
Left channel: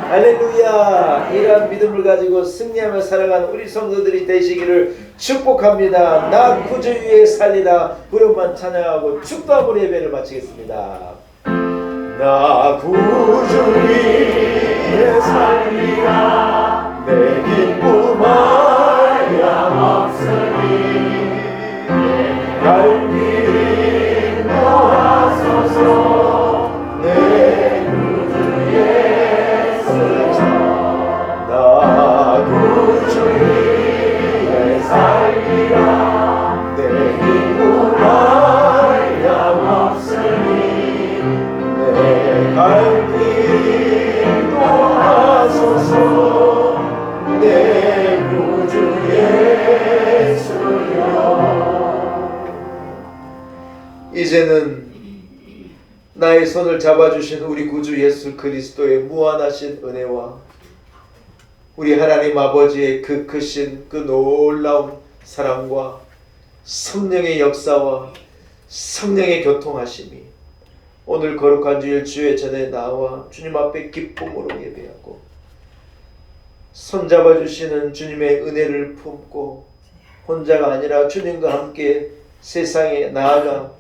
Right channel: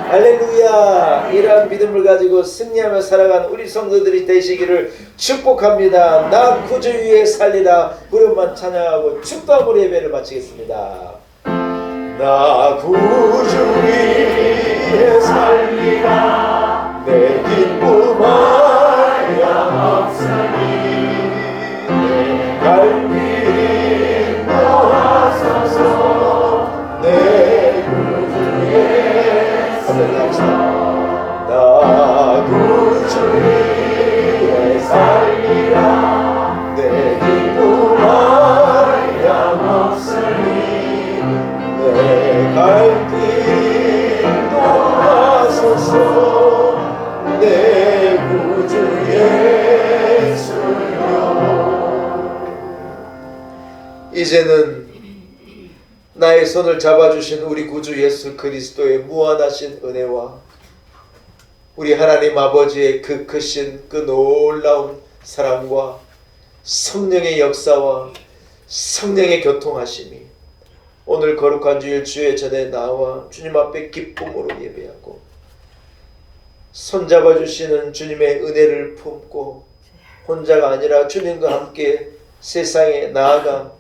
할렐루야. 이러한 믿음을 가지고 승리하며 살아가는 우리 성도들이 되시기를 축복합니다. 나 구주 위에 살리다 부름만 찬양하고 축도함으로 예배를 마치겠습니다. 나 구주 위에 살리다 내 기쁨 하염없으니 갈 길이 나와서서 내 구주 예수 나 구주 위에 살리다 내 기쁨 하염없으니 내 갈 길 도와소서 내 구주 예수여. 이제는 나의 손을 잡아주신 우리 구주 예수 그리스도의 무한하신 은혜와 우리 하나님 아버지의 그 크신 그 놀라운 사랑과 성령의 역사와 성령의 교통하심이 오늘 거룩한 주일 주의 전에 나와 주님 앞에 기쁨으로 예배하고 손잡아주시는 주님의 은혜를 품고 혼자가 아니라 주님과 함께 세상에 나아가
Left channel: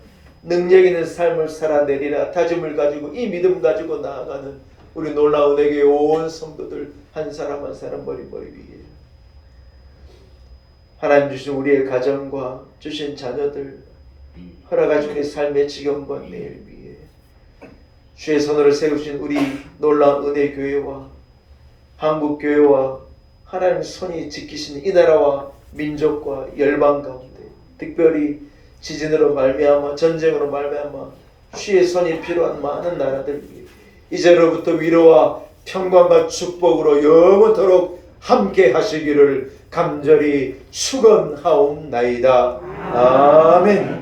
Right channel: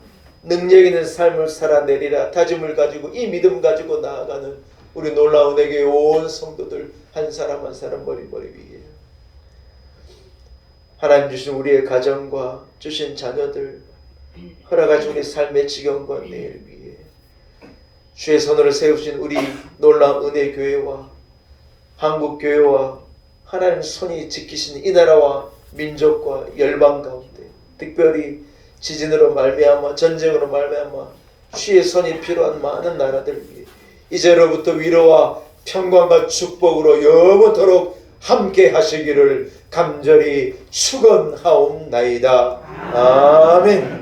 능력 있는 삶을 살아내리라 다짐을 가지고 이 믿음 가지고 나아가는 우리 놀라운 은혜교회 온 성도들 한 사람 한 사람 머리 위에 하나님 주신 우리의 가정과 주신 자녀들 허락하신 우리 삶의 지경과 내일 위에 주의 손으로 세우신 우리 놀라운 은혜교회와 한국교회와 하나님 손이 지키신 이 나라와 민족과 열방 가운데 특별히 지진으로 말미암아 전쟁으로 말미암아 주의 손이 필요한 많은 나라들 위해 이제로부터 위로와 평강과 축복으로 영원토록 함께 하시기를 간절히 축원하옵나이다. 아멘.